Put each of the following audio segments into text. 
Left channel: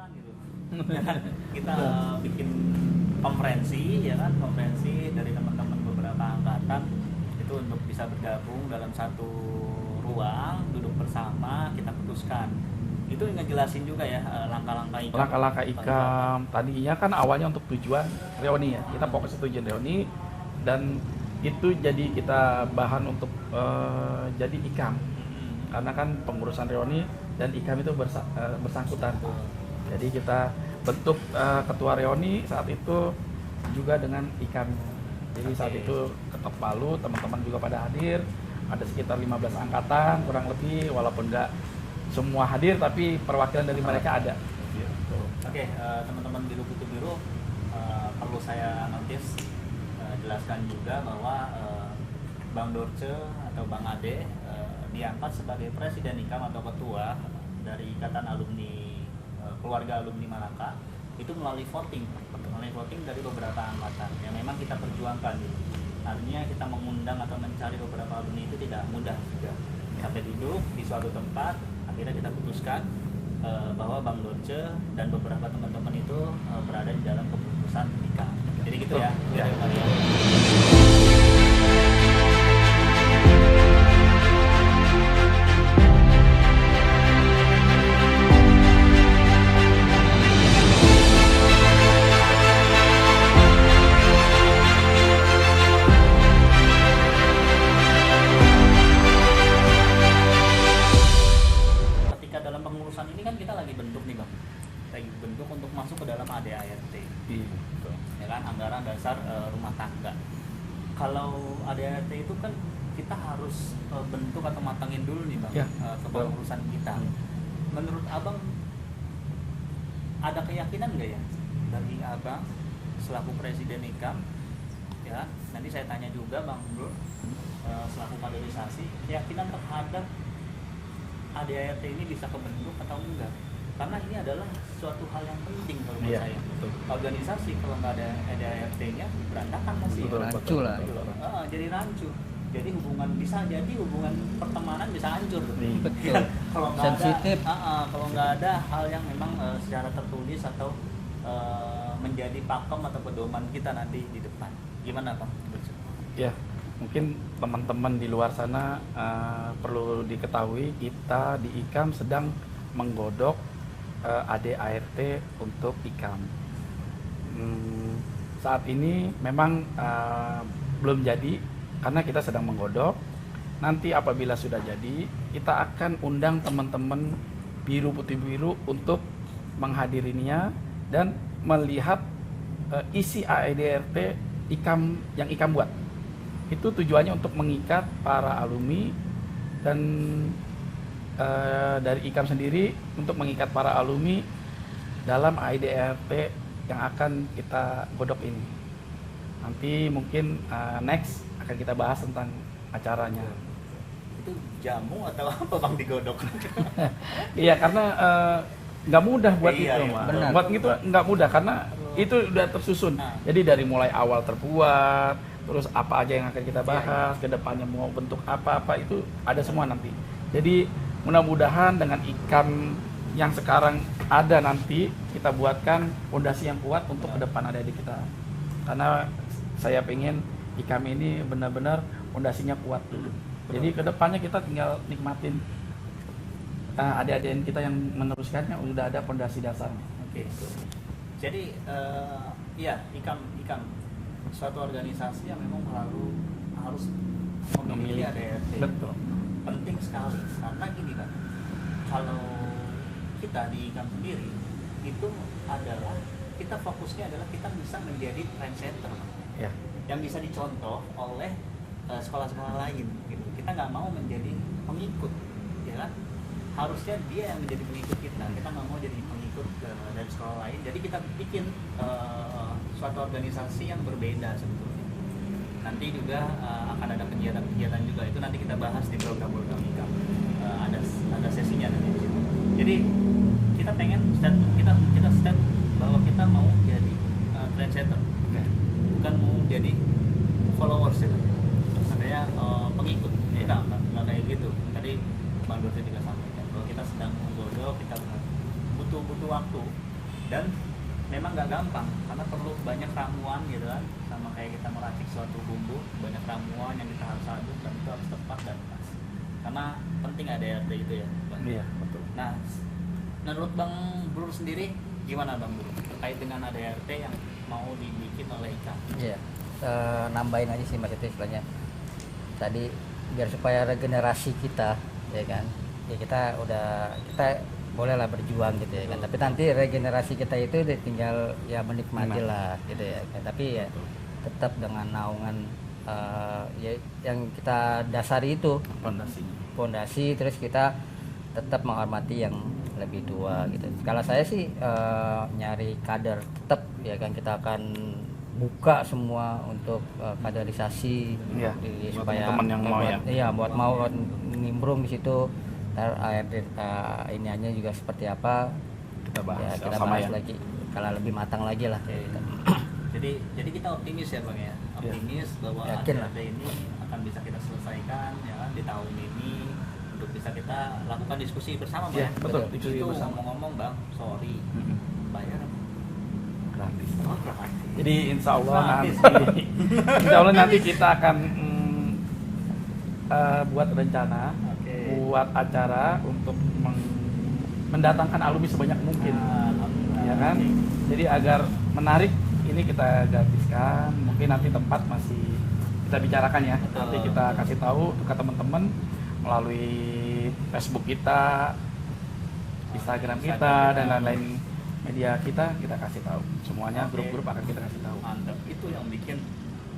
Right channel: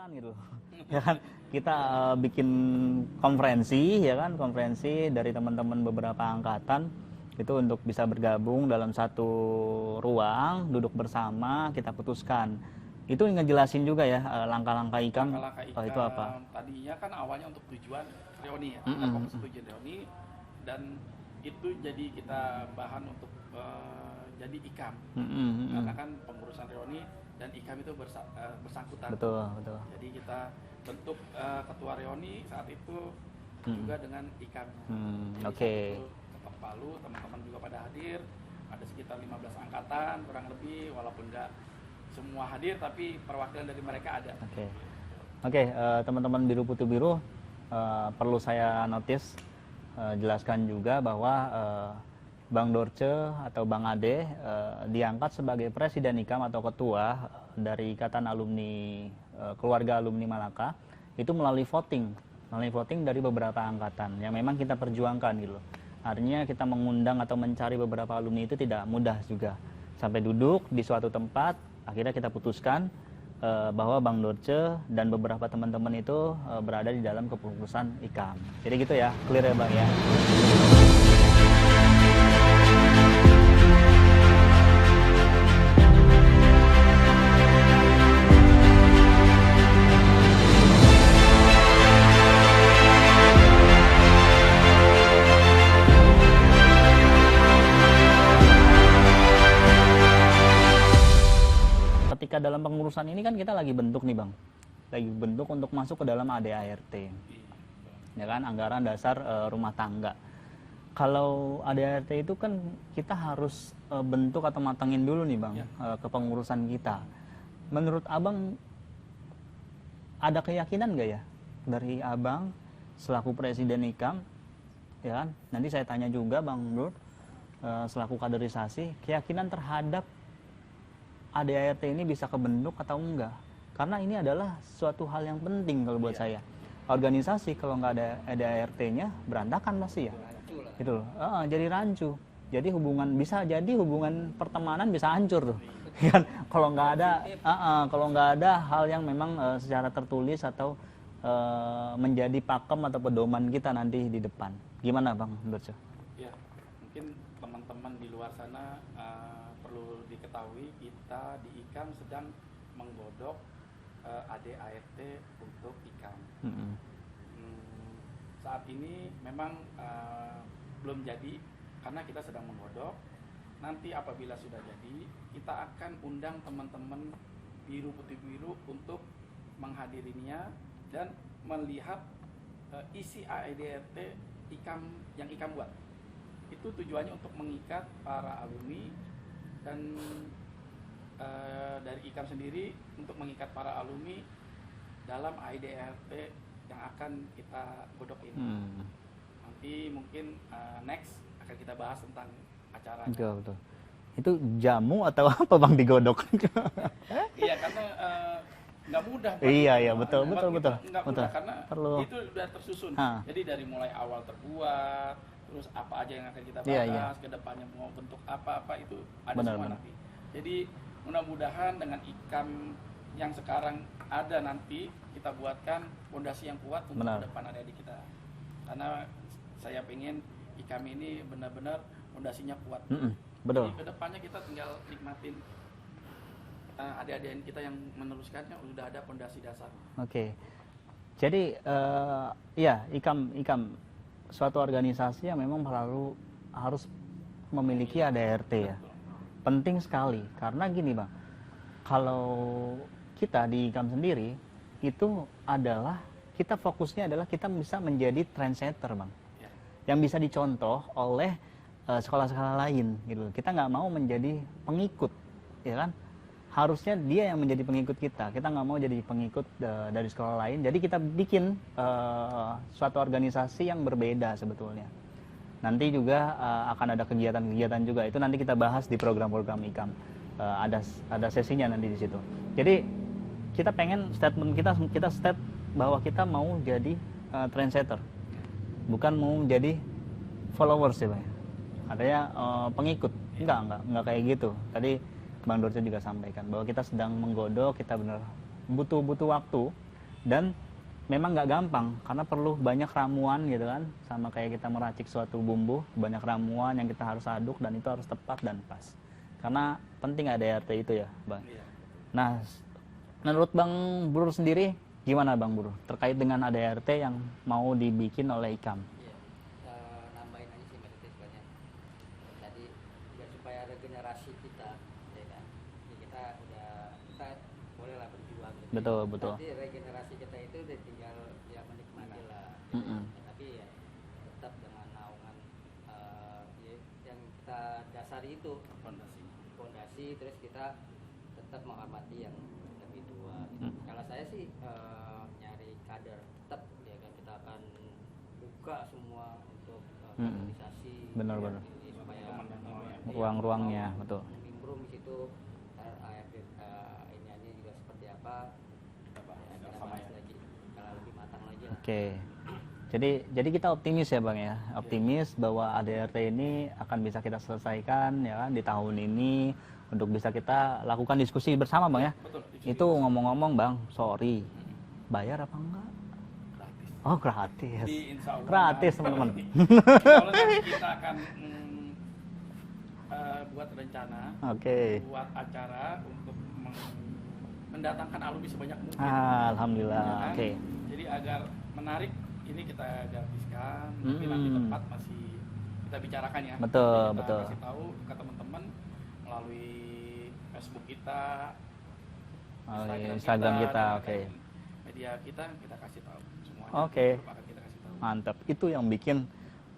kan gitu. Ya kan kita bikin konferensi ya kan, konferensi dari teman-teman beberapa angkatan itu untuk bisa bergabung dalam satu ruang, duduk bersama, kita putuskan. Itu ngejelasin juga ya langkah-langkah IKAM. Langkah-langkah IKAM tadinya kan awalnya untuk tujuan reuni ya. Kita fokus ke tujuan reuni dan itu jadi kita bahan untuk jadi IKAM. Karena kan pengurusan reuni dan IKAM itu bersangkutan. Betul. Jadi kita bentuk ketua reuni saat itu juga dengan IKAM. Jadi saat itu ketok palu, teman-teman juga pada hadir. Ada sekitar 15 angkatan kurang lebih, walaupun nggak semua hadir tapi perwakilan dari mereka ada. Oke, teman-teman Biru Putu Biru, perlu saya notice jelaskan juga bahwa Bang Dorce atau Bang Ade diangkat sebagai Presiden IKAM atau Ketua dari Ikatan Alumni Keluarga Alumni Malaka itu melalui voting dari beberapa angkatan yang memang kita perjuangkan gitu. Artinya kita mengundang atau mencari beberapa alumni itu tidak mudah juga. Sampai duduk di suatu tempat, akhirnya kita putuskan bahwa Bang Dorce dan beberapa teman-teman itu berada di dalam keputusan IKAM. Jadi gitu ya, clear ya Bang ya. Dalam pengurusan ini kan kita lagi bentuk nih Bang, lagi bentuk untuk masuk ke dalam ADART, ya kan, anggaran dasar rumah tangga. Kalau ADART itu kan kita harus bentuk atau matangin dulu nih Bang, kepengurusan kita. Menurut Abang ada keyakinan nggak ya dari Abang selaku Presiden IKAM, ya kan? Nanti saya tanya juga Bang Nur selaku kaderisasi, keyakinan terhadap ADART ini bisa kebentuk atau enggak? Karena ini adalah suatu hal yang penting kalau buat saya. Betul. Organisasi kalau nggak ada ADART-nya berantakan masih. Rancu lah. Jadi rancu. Jadi hubungan pertemanan bisa hancur. Kalau nggak ada, kalau nggak ada hal yang memang secara tertulis atau menjadi pakem atau pedoman kita nanti di depan. Gimana Bang? Ya. Mungkin teman-teman di luar sana perlu diketahui kita di IKAM sedang menggodok ADART untuk IKAM. Saat ini memang belum jadi karena kita sedang menggodok. Nanti apabila sudah jadi, kita akan undang teman-teman Biru Putih Biru untuk menghadirinya dan melihat isi ADART IKAM yang IKAM buat. Itu tujuannya untuk mengikat para alumni dan dari IKAM sendiri untuk mengikat para alumni dalam ADART yang akan kita godok ini. Nanti mungkin next akan kita bahas tentang acaranya. Itu jamu atau apa Bang digodok? Iya, karena nggak mudah buat buat itu nggak mudah karena itu udah tersusun. Jadi dari mulai awal terbuat, terus apa aja yang akan kita bahas, ke depannya mau bentuk apa-apa itu ada semua nanti. Jadi mudah-mudahan dengan IKAM yang sekarang ada nanti kita buatkan fondasi yang kuat untuk ke depan adik-adik kita. Karena saya pengen IKAM ini benar-benar fondasinya kuat. Jadi ke depannya kita tinggal nikmatin adik-adik kita yang meneruskannya udah ada fondasi dasarnya. Oke. Jadi IKAM suatu organisasi yang memang harus memiliki ADART. Betul. Penting sekali karena gini Bang, kalau kita di IKAM sendiri itu adalah kita fokusnya adalah kita bisa menjadi trendsetter Bang, yang bisa dicontoh oleh sekolah-sekolah lain gitu. Kita nggak mau menjadi pengikut, ya kan? Harusnya dia yang menjadi pengikut kita nggak mau jadi pengikut dari sekolah lain. Jadi kita bikin suatu organisasi yang berbeda sebetulnya. Nanti juga akan ada kegiatan-kegiatan juga, itu nanti kita bahas di program-program IKAM. Ada sesinya nanti di situ. Jadi kita pengen statement kita state bahwa kita mau jadi trendsetter, bukan mau jadi followers ya. Artinya pengikut. Kita nggak kayak gitu. Tadi Bang Dorce juga sampaikan bahwa kita sedang menggodok, kita butuh waktu dan memang nggak gampang karena perlu banyak ramuan gitu kan, sama kayak kita meracik suatu bumbu, banyak ramuan yang kita harus aduk dan itu harus tepat dan pas, karena penting ADART itu ya Bang. Iya, betul. Nah, menurut Bang Bro sendiri gimana Bang Bro terkait dengan ADART yang mau dibikin oleh IKAM? Iya, nambahin aja sih Mas, itu istilahnya tadi biar supaya regenerasi kita, ya kan, ya kita bolehlah berjuang gitu. Betul, ya kan? Tapi betul. nanti regenerasi kita itu udah tinggal ya menikmati lah gitu ya kan? Tapi ya tetap dengan naungan ya yang kita dasari itu fondasi, terus kita tetap menghormati yang lebih tua gitu. Kalau saya sih nyari kader tetap, ya kan, kita akan buka semua untuk kaderisasi Iya, buat supaya teman-teman yang mau ya. iya, buat Peluang mau ya, betul. nimbrung di situ. Ntar iniannya juga seperti apa Kita bahas ya, kita sama bahas ya. lagi kalau lebih matang lagi lah. Oke. Jadi kita optimis ya Bang ya, optimis bahwa Yakin lah. ADART ini akan bisa kita selesaikan ya kan di tahun ini, untuk bisa kita lakukan diskusi bersama Bang Iya, ya. betul. Betul. Itu ngomong-ngomong Bang, sorry, bayar apa? Gratis. Oh gratis. Jadi insya Allah Gratis. nanti, insya Allah nanti kita akan buat rencana, Oke. buat acara untuk mendatangkan alumni sebanyak mungkin. Alhamdulillah. Ya kan? Oke. Jadi agar menarik ini kita gratiskan. Mungkin nanti tempat masih kita bicarakan ya. Betul, Nanti kita betul. kasih tahu ke teman-teman melalui Facebook kita, Instagram kita, dan lain-lain media kita kasih tahu. Semuanya Oke. grup-grup akan kita kasih tahu. Mantap. Itu yang bikin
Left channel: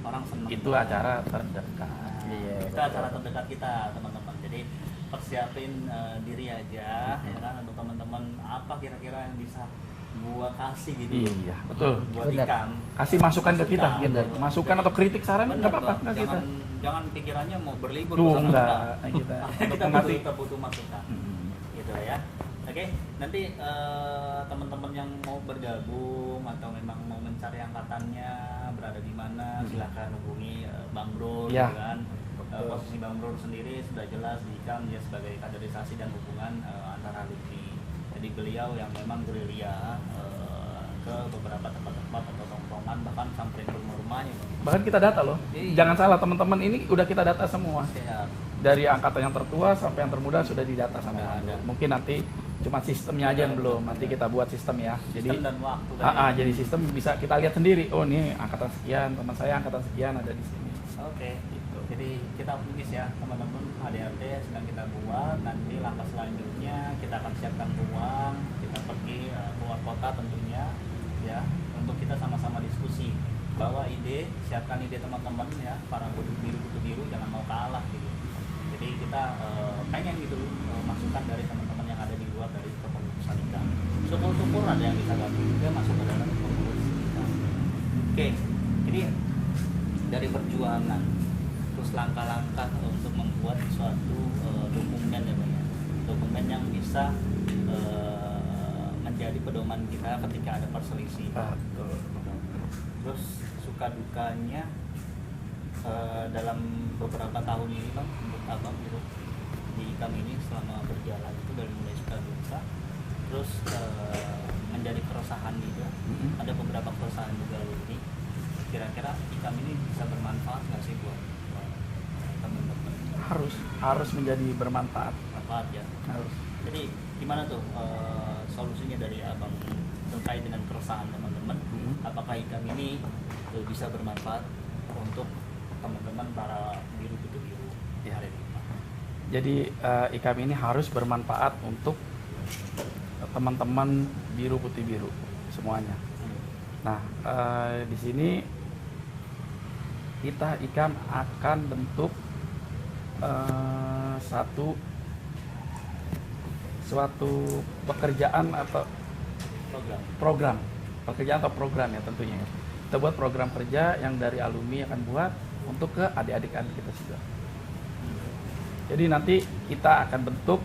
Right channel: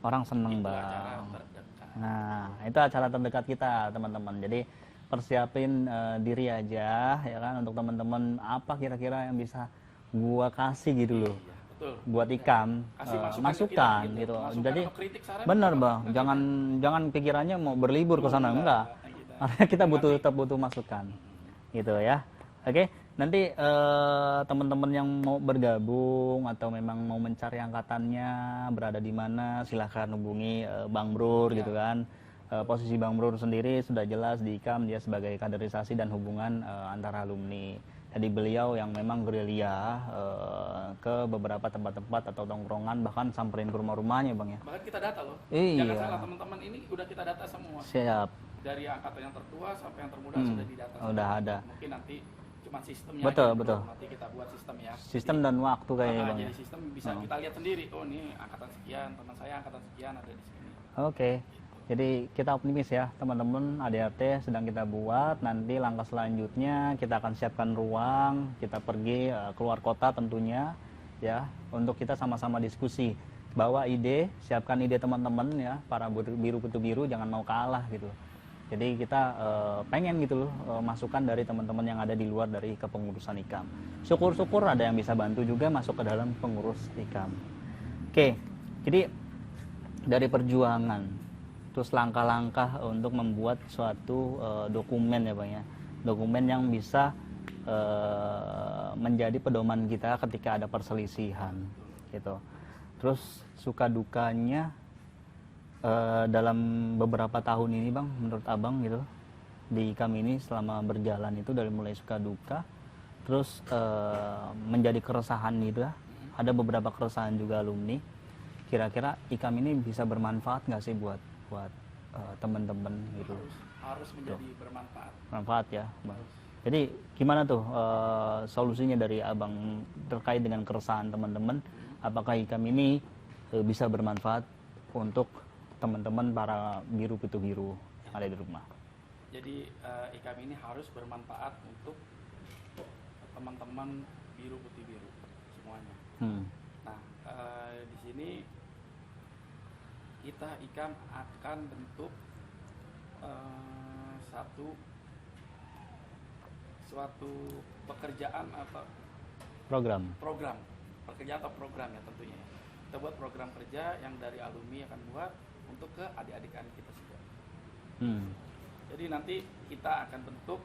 orang seneng. Itu Bang. acara terdekat. Nah, itu acara terdekat kita teman-teman. Jadi persiapin diri aja ya kan, untuk teman-teman apa kira-kira yang bisa gua kasih gitu loh. Iya, betul. Buat Benar. IKAM. Kasih masukan ke kita, gitu. masukan Jadi, atau kritik saran. benar nggak apa-apa, Bang. kasih Jangan kita. jangan pikirannya mau berlibur Duh, ke sana enggak. enggak. Kita Kita mati. butuh masukan. Gitu ya. Oke, nanti teman-teman yang mau bergabung atau memang mau mencari angkatannya berada di mana, silahkan hubungi Bang Bro Ya. gitu kan. Posisi Bang Bro sendiri sudah jelas di IKAM, dia sebagai kaderisasi dan hubungan antara alumni. Jadi beliau yang memang gerilya ke beberapa tempat-tempat atau tongkrongan, bahkan samperin ke rumah-rumahnya Bang ya. Bahkan kita data loh. Iya. Jangan salah teman-teman, ini udah kita data semua. Siap. Dari angkatan yang tertua sampai yang termuda sudah didata Sudah semua. ada. Mungkin nanti cuma sistemnya aja Betul, belum. betul. Nanti kita buat sistem ya. Sistem dan waktu kayaknya. Jadi sistem bisa kita lihat sendiri. Oh, ini angkatan sekian, teman saya angkatan sekian ada di sini. Oke. Gitu. Jadi kita optimis ya teman-teman, ADART sedang kita buat. Nanti langkah selanjutnya kita akan siapkan ruang, kita pergi keluar kota tentunya ya, untuk kita sama-sama diskusi bawa ide, siapkan ide teman-teman ya, para biru kutu biru jangan mau kalah gitu. Jadi kita pengen gitu masukan dari teman-teman yang ada di luar dari kepengurusan IKAM. Syukur-syukur ada yang bisa bantu juga masuk ke dalam pengurus IKAM. Oke, jadi dari perjuangan, terus langkah-langkah untuk membuat suatu dokumen ya Bang ya, dokumen yang bisa menjadi pedoman kita ketika ada perselisihan gitu. Terus suka dukanya dalam beberapa tahun ini Bang, menurut Abang gitu di IKAM ini selama berjalan itu dari mulai suka duka, terus menjadi keresahan gitu ya. Ada beberapa keresahan juga alumni. Kira-kira IKAM ini bisa bermanfaat nggak sih buat teman-teman? Harus menjadi bermanfaat. Manfaat ya. Harus. Jadi gimana tuh solusinya dari Abang terkait dengan keresahan teman-teman? Apakah IKAM ini bisa bermanfaat untuk teman-teman para biru kutu biru Ya. ada di rumah? Jadi IKAM ini harus bermanfaat untuk teman-teman biru putih biru semuanya. Nah, di sini kita IKAM akan bentuk suatu pekerjaan atau program pekerjaan atau program ya tentunya. Kita buat program kerja yang dari alumni akan buat untuk ke adik-adik kita juga. Jadi nanti kita akan bentuk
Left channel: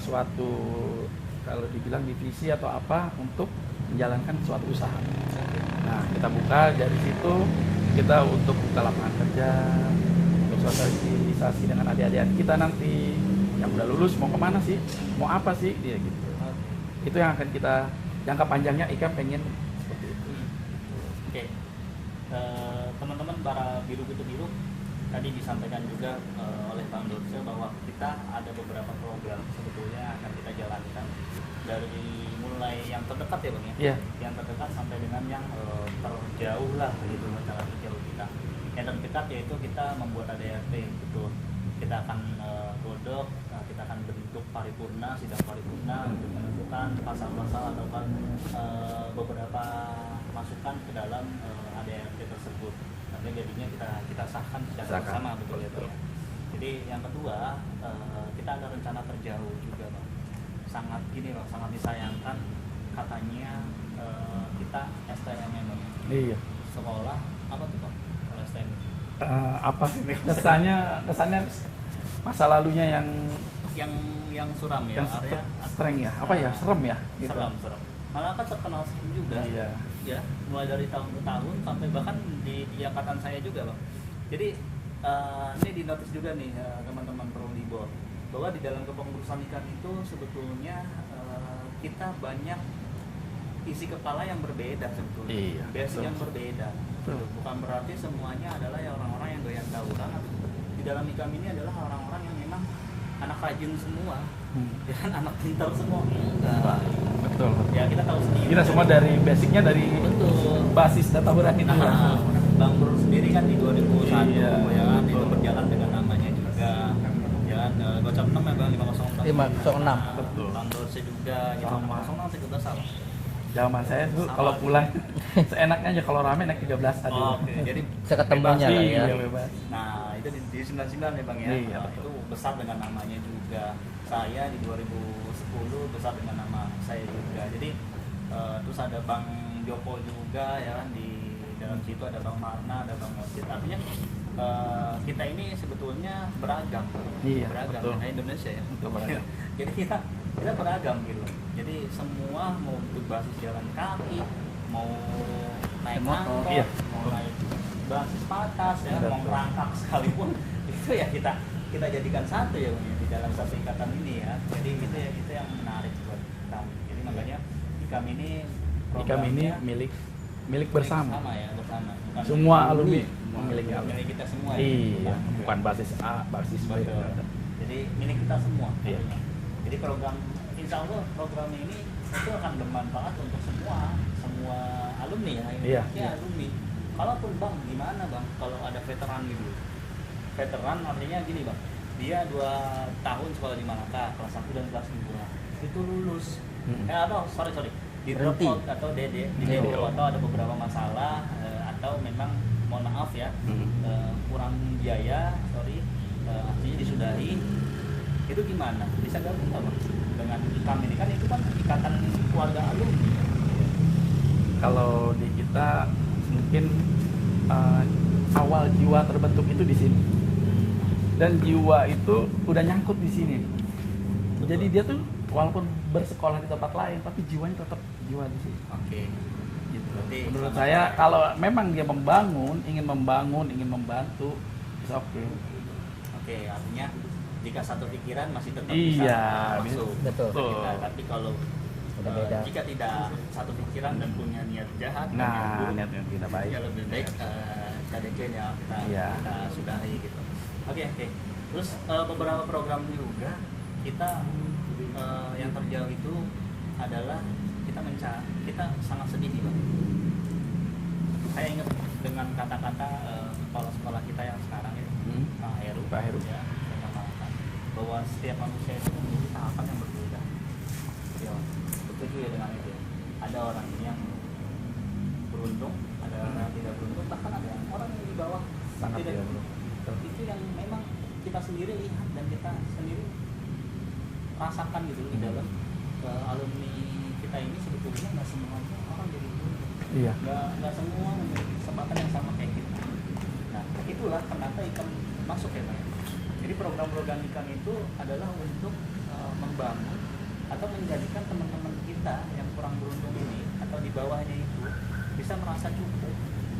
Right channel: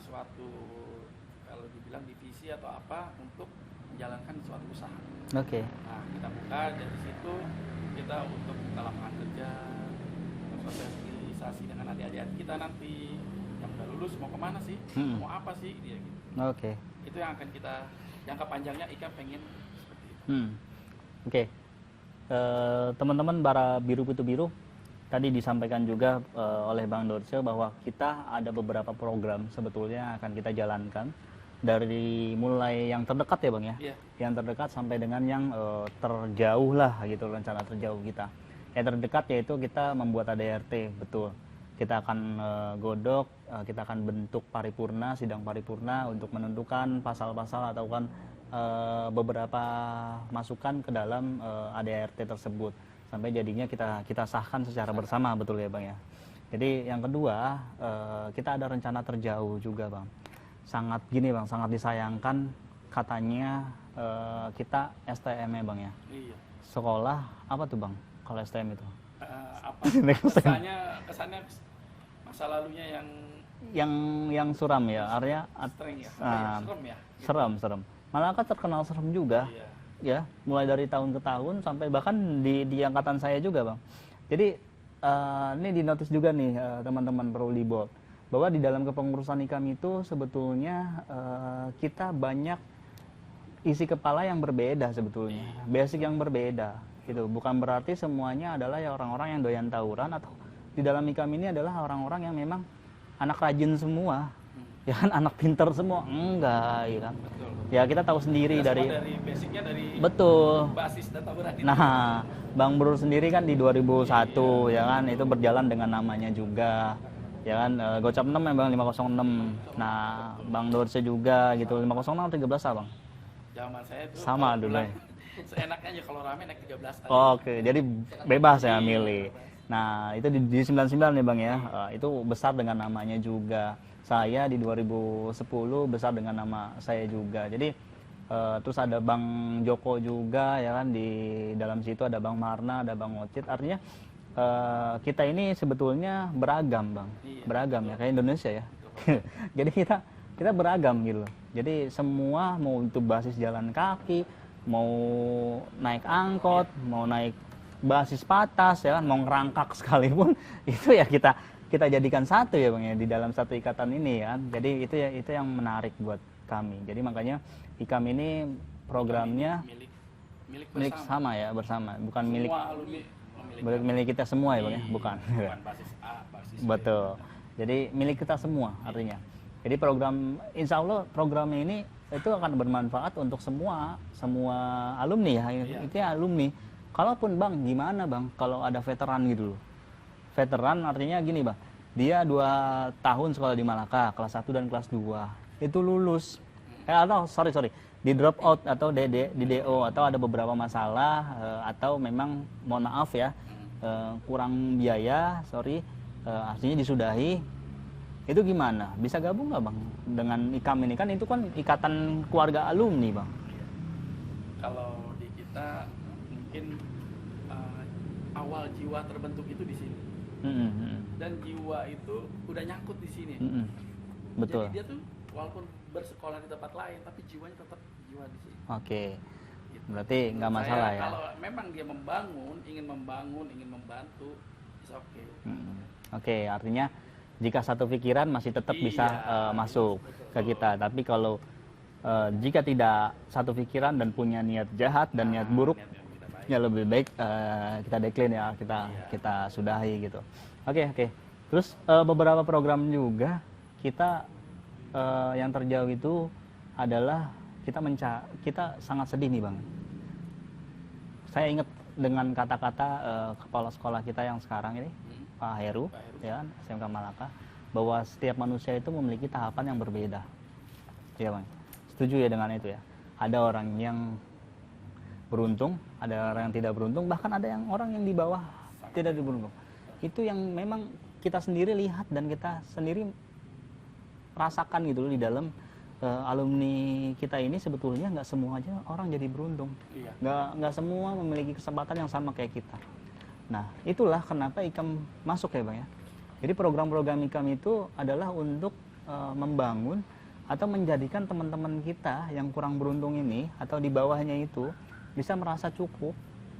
suatu, kalau dibilang divisi atau apa, untuk menjalankan suatu usaha. Oke. Nah, kita buka dari situ, kita untuk buka lapangan kerja, untuk sosialisasi dengan adik-adik kita nanti yang udah lulus mau kemana sih, mau apa sih, dia gitu. Oke. Itu yang akan kita jangka panjangnya IKAM pengen seperti itu. Oke. Teman-teman para biru kutu biru, tadi disampaikan juga oleh Bang Dorce bahwa kita ada beberapa program sebetulnya akan kita jalankan dari mulai yang terdekat ya Bang ya, yang terdekat sampai dengan yang terjauh lah gitu, rencana terjauh kita. Yang terdekat yaitu kita membuat ADRT, betul. Kita akan godok, kita akan bentuk paripurna, sidang paripurna untuk menentukan pasal-pasal atau kan beberapa masukan ke dalam ADRT tersebut sampai jadinya kita sahkan secara bersama, betul ya Bang ya. Jadi yang kedua, kita ada rencana terjauh juga Bang. Sangat gini Bang, sangat disayangkan katanya kita STM ya Bang ya. Iya. Sekolah apa tuh Bang kalau STM itu? Apa kesannya masa lalunya yang suram ya, artinya streng ya, apa ya, serem ya gitu. serem malah kan terkenal serem juga. Iya. Ya, mulai dari tahun ke tahun sampai bahkan di angkatan saya juga Bang. Jadi ini dinotis juga nih teman-teman perlu dibawa bahwa di dalam kepengurusan IKAM itu sebetulnya kita banyak isi kepala yang berbeda sebetulnya. Iya, Basic yang berbeda gitu. Bukan berarti semuanya adalah ya orang-orang yang doyan tawuran, atau di dalam IKAM ini adalah orang-orang yang memang anak rajin semua, ya kan, anak pintar semua. Enggak, ya. Betul. Ya kita tahu sendiri Kita semua dari basicnya dari betul basis data huruf. Nah, Bang Bro sendiri kan di 2001 ya kan, itu berjalan dengan namanya juga. Ya kan, Gocap 6 ya Bang, 506. 506. Nah, Bang Dorce juga gitu, 506 13 apa? Zaman saya tuh Sama kalau gitu. pulang seenaknya aja, kalau rame naik 13 aja. Oke, jadi Seketemunya, bebas ya. Iya, Ya. bebas. Nah, itu di 99 ya Bang ya. Iya, Itu besar dengan namanya juga. Saya di 2010 besar dengan nama saya juga. Jadi terus ada Bang Joko juga ya kan, di dalam situ ada Bang Marna, ada Bang Osit. Artinya kita ini sebetulnya beragam Bang. Iya, Beragam betul. kayak Indonesia ya. Betul, beragam. Jadi kita beragam gitu. Jadi semua mau untuk basis jalan kaki, mau naik angkot, mau naik basis patas ya, mau ngerangkak sekalipun itu ya kita jadikan satu ya Bang ya, di dalam satu ikatan ini ya. Jadi itu yang menarik buat kami. Jadi makanya IKAM ini programnya milik bersama. sama ya, bersama. Bukan Semua milik alumni milik kita semua ya, Iya, bukan basis A, basis B. betul. Jadi milik kita semua Iya. artinya. Jadi insya Allah programnya ini itu akan bermanfaat untuk semua alumni ya. Iya. Intinya alumni. Kalaupun Bang, gimana Bang kalau ada veteran gitu? Veteran artinya gini Bang, dia 2 tahun sekolah di Malaka, kelas 1 dan kelas 2 itu lulus. Sorry di drop out atau di DDO atau ada beberapa masalah atau memang mohon maaf ya, kurang biaya, artinya disudahi. Itu gimana? Bisa gabung nggak Bang dengan IKAM ini? Kan itu kan ikatan keluarga alumni Bang. Kalau di kita mungkin awal jiwa terbentuk itu di sini, dan jiwa itu udah nyangkut di sini. Betul. Jadi dia tuh walaupun bersekolah di tempat lain, tapi jiwanya tetap jiwa di sini. Oke. Gitu. Berarti Menurut sama saya kalau memang dia ingin membantu, bisa oke. Oke, artinya jika satu pikiran masih tetap Iya, bisa masuk betul. ke kita. Tapi kalau jika tidak satu pikiran dan punya niat jahat dan niat buruk, niat yang tidak baik. ya lebih baik kita decline ya, kita sudahi gitu. Oke. Terus beberapa program juga kita yang terjauh itu adalah kita sangat sedih nih Bang. Saya ingat dengan kata-kata kepala sekolah kita yang sekarang ya, Pak Heru ya, yang ke Malaka, bahwa setiap manusia itu memiliki tahapan yang berbeda. Iya Bang, setuju ya dengan itu ya. Ada orang yang beruntung, ada orang yang tidak beruntung, bahkan ada orang yang di bawah tidak beruntung. Itu yang memang kita sendiri lihat dan kita sendiri rasakan gitu loh di dalam alumni kita ini. Sebetulnya nggak semuanya orang jadi beruntung. Iya. Nggak semua memiliki kesempatan yang sama kayak kita. Nah, itulah kenapa IKAM masuk ya Bang ya. Jadi program-program IKAM itu adalah untuk membangun atau menjadikan teman-teman kita yang kurang beruntung ini atau di bawahnya itu bisa merasa cukup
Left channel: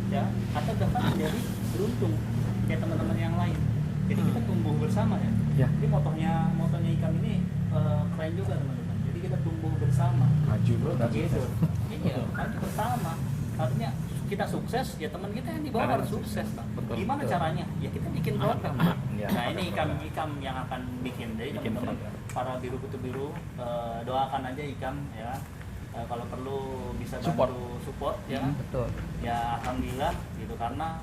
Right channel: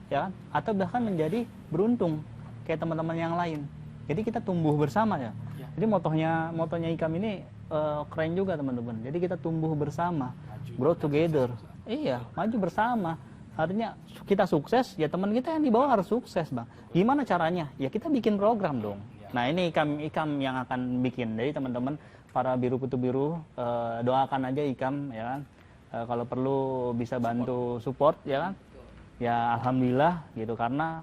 ya, atau bahkan menjadi beruntung kayak teman-teman yang lain. Jadi kita tumbuh bersama ya. Ya. Jadi motonya IKAM ini keren juga teman-teman. Jadi kita tumbuh bersama, Maju grow dan together. Iya, maju bersama. Artinya kita sukses, ya teman kita yang di bawah harus sukses, Bang. Betul, Gimana betul. caranya? Ya kita bikin program, Bang. Ya, Nah ini ikam yang akan bikin. Jadi teman-teman para biru kutu biru, doakan aja ikam ya. Kalau perlu bisa bantu support ya. Betul. Ya alhamdulillah gitu, karena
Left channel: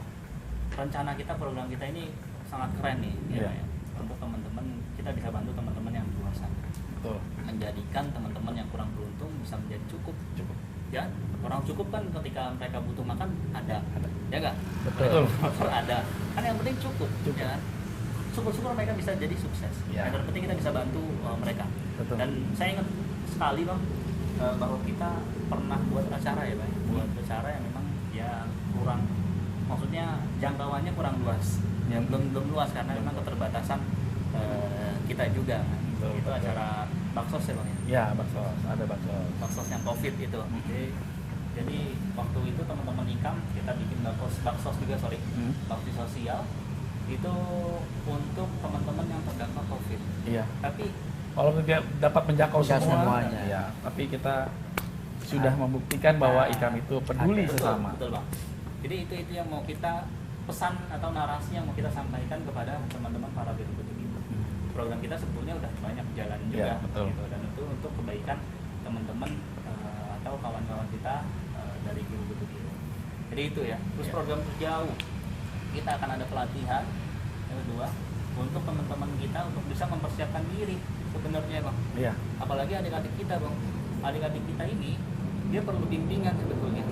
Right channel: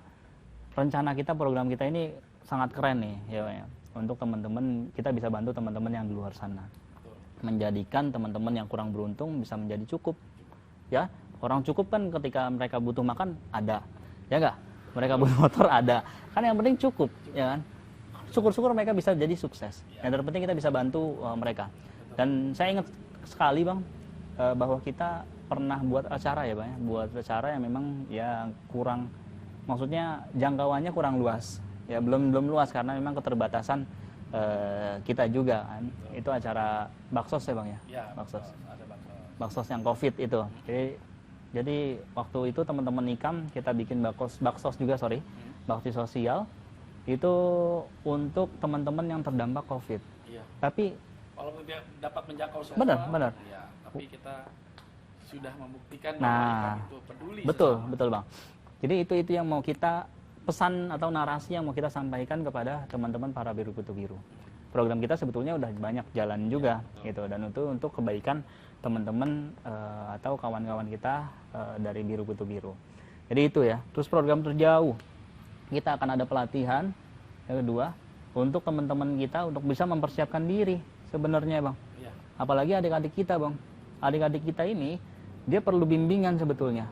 rencana kita, program kita ini sangat keren nih ya, Bang, ya. Untuk teman-teman, kita bisa bantu teman-teman yang di luar sana. Betul. Menjadikan teman-teman yang kurang beruntung bisa menjadi cukup. Cukup. Ya, orang cukup kan ketika mereka butuh makan ada. Ya enggak? Betul. Mereka butuh motor ada. Kan yang penting cukup. Ya kan? Syukur-syukur mereka bisa jadi sukses. Ya. Yang terpenting kita bisa bantu mereka. Betul. Dan saya ingat sekali, Bang, bahwa kita pernah buat acara ya, Bang. Buat acara yang memang ya kurang, maksudnya jangkauannya kurang luas. Ya belum luas karena memang keterbatasan kita juga. Betul, itu acara baksos ya, Bang ya. Ya, baksos, ada baksos. Baksos yang Covid itu. Jadi waktu itu teman-teman ikam kita bikin baksos juga, bakti sosial itu untuk teman-teman yang terdampak Covid. Iya. Tapi Kalau tidak dapat menjangkau Semuanya. ya, tapi kita sudah membuktikan bahwa ikam itu peduli betul, sesama. betul, Bang. Jadi itu yang mau kita pesan atau narasi yang mau kita sampaikan kepada teman-teman para biru kutu biru. Program kita sebetulnya udah banyak jalan juga, Ya, betul. gitu, dan itu untuk kebaikan teman-teman atau kawan-kawan kita dari biru kutu biru. Jadi itu ya. Terus program terjauh kita akan ada pelatihan yang kedua untuk teman-teman kita untuk bisa mempersiapkan diri sebenarnya, Bang. Iya. Apalagi adik-adik kita, Bang. Adik-adik kita ini dia perlu bimbingan sebetulnya.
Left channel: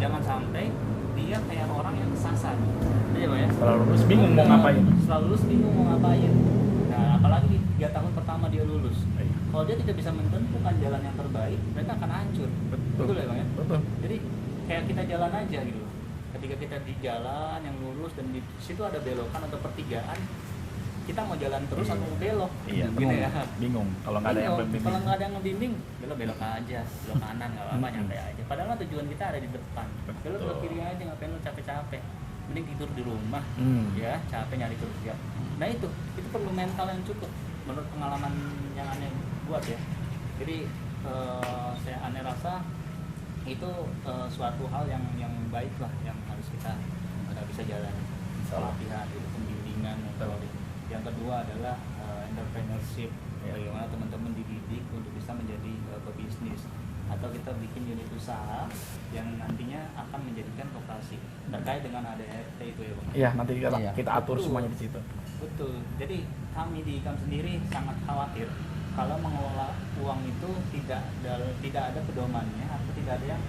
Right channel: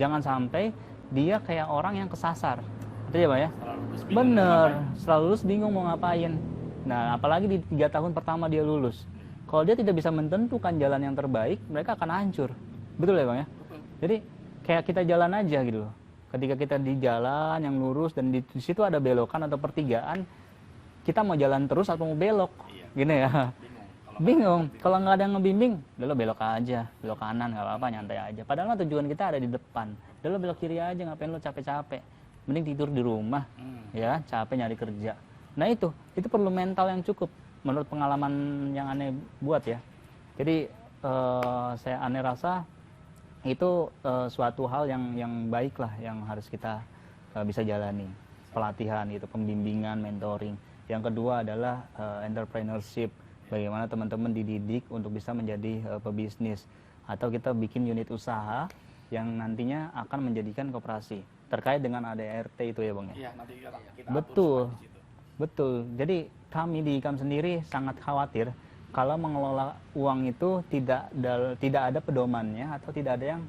Jangan sampai dia kayak orang yang kesasar. Itu ya, Bang ya. Setelah lulus bingung mau Bener. ngapain. Setelah lulus bingung mau ngapain. Nah, apalagi di 3 tahun pertama dia lulus. Iya. Kalau dia tidak bisa menentukan jalan yang terbaik, mereka akan hancur. Betul ya, Bang ya? Betul. Jadi kayak kita jalan aja gitu. Ketika kita di jalan yang lurus dan di situ ada belokan atau pertigaan, kita mau jalan terus atau mau belok? Iya. Gini ya. Bingung. Kalau nggak ada yang Bingung. berbimbing. Kalau nggak ada yang ngebimbing, udah belok aja, belok kanan nggak apa-apa, nyantai aja. Padahal mah tujuan kita ada di depan. Udah belok kiri aja, ngapain lu capek-capek? Mending tidur di rumah, ya capek nyari kerja. Nah itu perlu mental yang cukup. Menurut pengalaman yang aneh buat ya. Jadi saya aneh rasa itu suatu hal yang baik lah yang harus kita bisa jalani. Pelatihan gitu, pembimbingan, mentoring. Yang kedua adalah entrepreneurship. Bagaimana teman-teman dididik untuk bisa menjadi pebisnis, atau kita bikin unit usaha yang nantinya akan menjadikan koperasi terkait dengan ADRT itu ya, Bang. Iya, nanti kita atur Betul. semua di situ. Betul. Jadi kami di IKAM sendiri sangat khawatir kalau mengelola uang itu tidak ada pedomannya atau tidak ada yang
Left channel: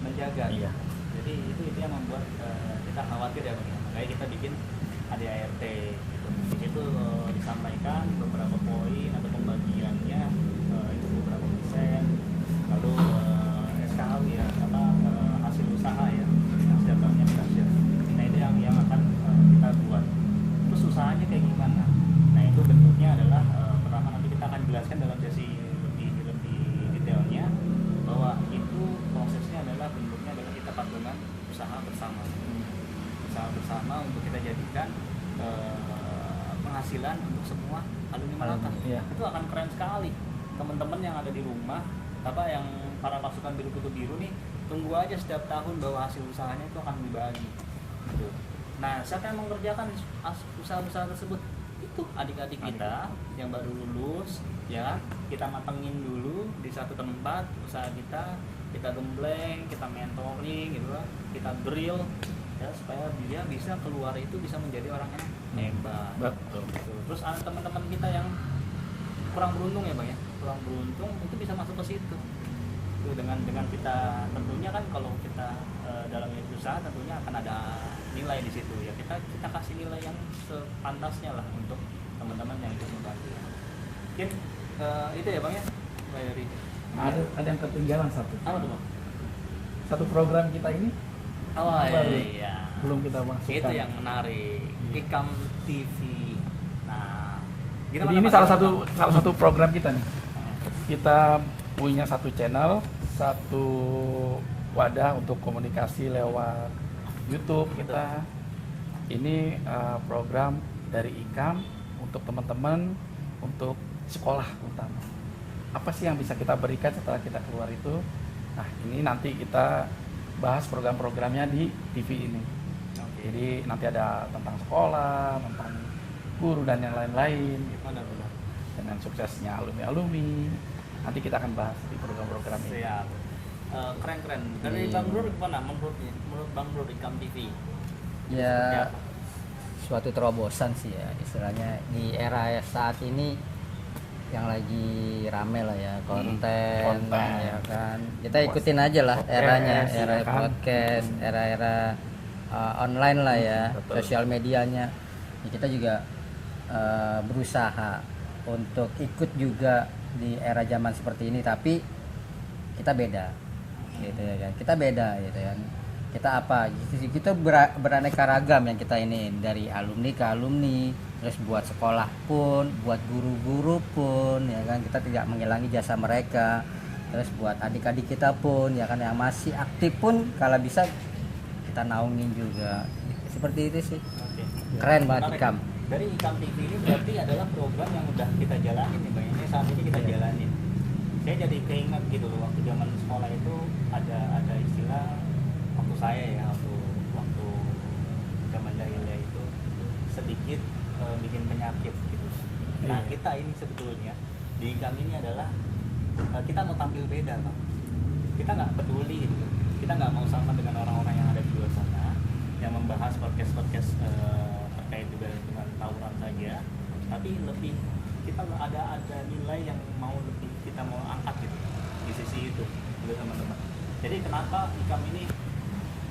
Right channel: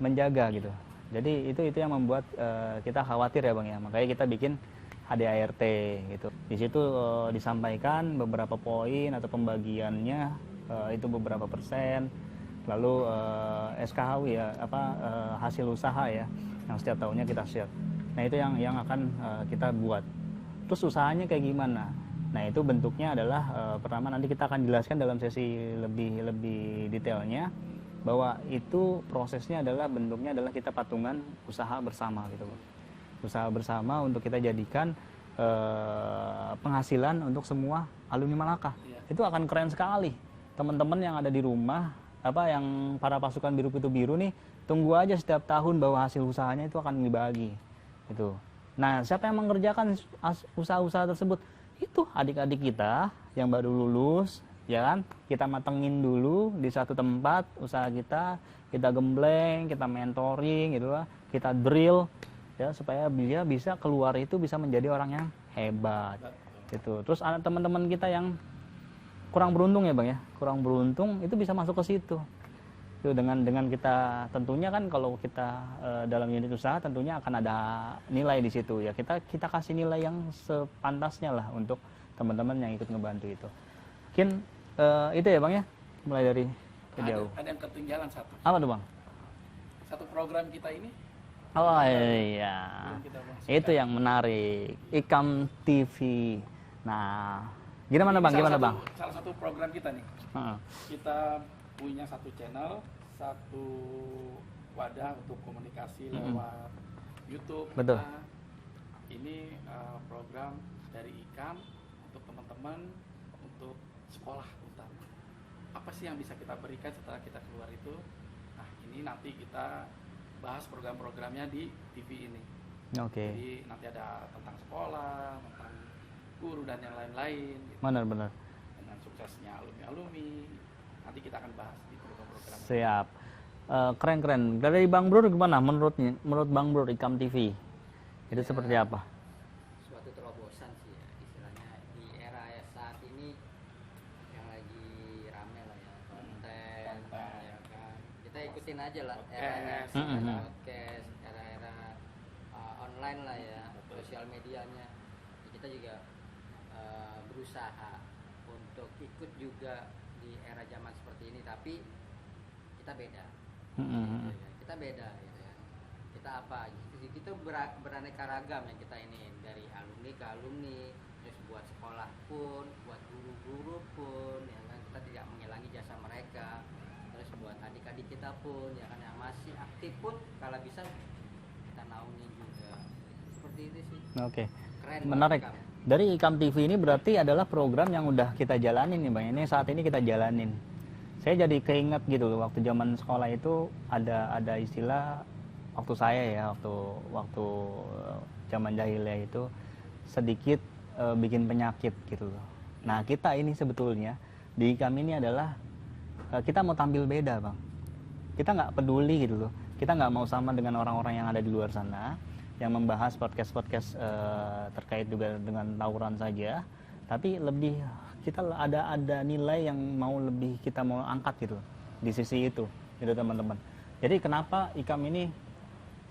menjaga gitu. Jadi itu yang membuat kita khawatir ya, Bang ya. Makanya kita bikin ADART gitu. Di situ disampaikan beberapa poin atau pembagiannya itu beberapa persen. Lalu SKHW ya, hasil usaha ya yang setiap tahunnya kita share. Nah, itu yang akan kita buat. Terus usahanya kayak gimana? Nah, itu bentuknya adalah pertama nanti kita akan jelaskan dalam sesi lebih detailnya bahwa itu prosesnya adalah bentuknya adalah kita patungan usaha bersama. Usaha bersama untuk kita jadikan penghasilan untuk semua alumni Malaka. Itu akan keren sekali. Teman-teman yang ada di rumah, yang para pasukan biru kutu biru nih, tunggu aja setiap tahun bahwa hasil usahanya itu akan dibagi. Gitu. Nah, siapa yang mengerjakan usaha-usaha tersebut? Itu adik-adik kita yang baru lulus, ya kan? Kita matengin dulu di satu tempat usaha kita gembleng, kita mentoring gitu lah, kita drill ya supaya dia bisa keluar itu bisa menjadi orang yang hebat. Betul. Gitu. Terus ada teman-teman kita yang kurang beruntung ya, Bang ya. Kurang beruntung itu bisa masuk ke situ. Itu dengan kita tentunya kan kalau kita dalam unit usaha tentunya akan ada nilai di situ ya. Kita kasih nilai yang sepantasnya lah untuk teman-teman yang ikut membantu itu. Mungkin itu ya, Bang ya. Mulai dari Ada yang ketinggalan satu. apa tuh, Bang? Satu program kita ini Oh iya. belum kita masukkan. Itu yang menarik. IKAM TV. Nah, gimana, Ini Bang? salah Gimana, Bang? satu program kita nih. Heeh. Kita punya satu channel, satu wadah untuk komunikasi lewat YouTube Betul. kita. Ini program dari IKAM untuk teman-teman untuk sekolah terutama. Apa sih yang bisa kita berikan setelah kita keluar itu? Nah, ini nanti kita bahas program-programnya di TV ini. Oke. Jadi nanti ada tentang sekolah, tentang guru dan yang lain-lain. Benar-benar. Dengan suksesnya alumni-alumni. Nanti kita akan bahas di program-program ini. Siap. Keren-keren. Dari Bang Bro gimana menurutnya? Menurut Bang Bro Ikam TV itu Ya, seperti apa? suatu terobosan sih ya istilahnya di era saat ini yang lagi rame lah ya, konten. Ya kan, kita ikutin aja lah Podcast, eranya, ya era kan? podcast, era online lah ya, Betul. sosial medianya. Ya, kita juga berusaha untuk ikut juga di era zaman seperti ini, tapi kita beda, gitu ya kan, kita beda gitu kan. Kita apa? Kita beraneka ragam yang kita ini, dari alumni ke alumni, terus buat sekolah pun, buat guru-guru pun, ya kan, kita tidak menghilangi jasa mereka. Terus buat adik-adik kita pun, ya kan, yang masih aktif pun, kalau bisa kita naungin juga. Seperti itu sih. Oke. Keren banget Menarik. Ikam. Dari Ikam TV ini berarti adalah program yang udah kita jalanin nih Bang. Ini saat ini kita jalanin. Saya jadi keinget gitu loh, waktu zaman sekolah itu ada istilah waktu saya ya, waktu zaman jahiliyah itu sedikit bikin penyakit gitu. Nah, kita ini sebetulnya di Ikam ini adalah kita mau tampil beda, Bang. Kita nggak peduli gitu loh. Kita nggak mau sama dengan orang-orang yang ada di luar sana yang membahas podcast terkait juga dengan tawuran saja, tapi lebih kita ada nilai yang kita mau angkat gitu di sisi itu gitu teman-teman. Jadi kenapa Ikam ini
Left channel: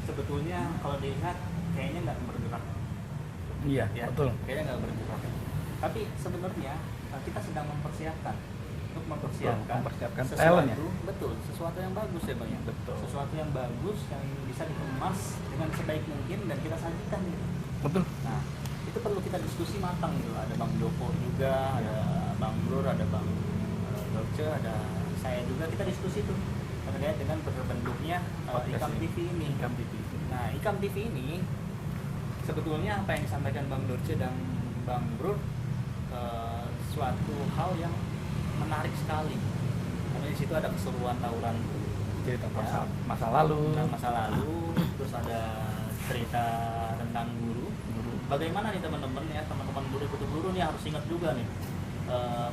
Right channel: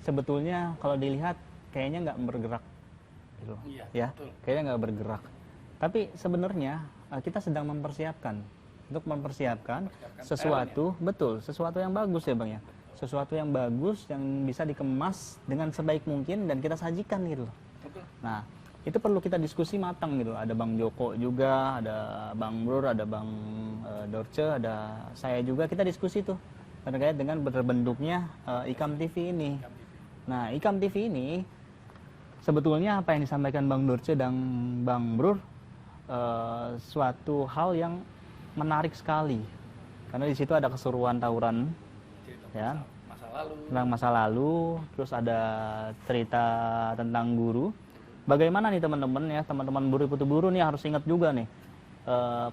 sebetulnya kalau dilihat kayaknya nggak bergerak, Iya, ya, betul. kayaknya nggak bergerak. Tapi sebenarnya kita sedang mempersiapkan Mempersiapkan sesuatu, betul, sesuatu yang bagus ya Bang ya. Betul. Sesuatu yang bagus yang bisa dikemas dengan sebaik mungkin dan kita sajikan gitu. Betul. Nah, itu perlu kita diskusi matang gitu. Ada Bang Joko juga, ada Bang Nur, ada Bang Dorce, ada saya juga, kita diskusi tuh terkait dengan berbentuknya Ikam TV ini. Ikam TV. Nah, Ikam TV ini sebetulnya apa yang disampaikan Bang Dorce dan Bang Brur suatu hal yang menarik sekali, karena di situ ada keseruan tawuran, Cerita Ya. masa lalu. tentang masa lalu, terus ada cerita tentang guru. Bagaimana nih teman-teman ya, teman-teman buruh putu guru nih harus ingat juga nih,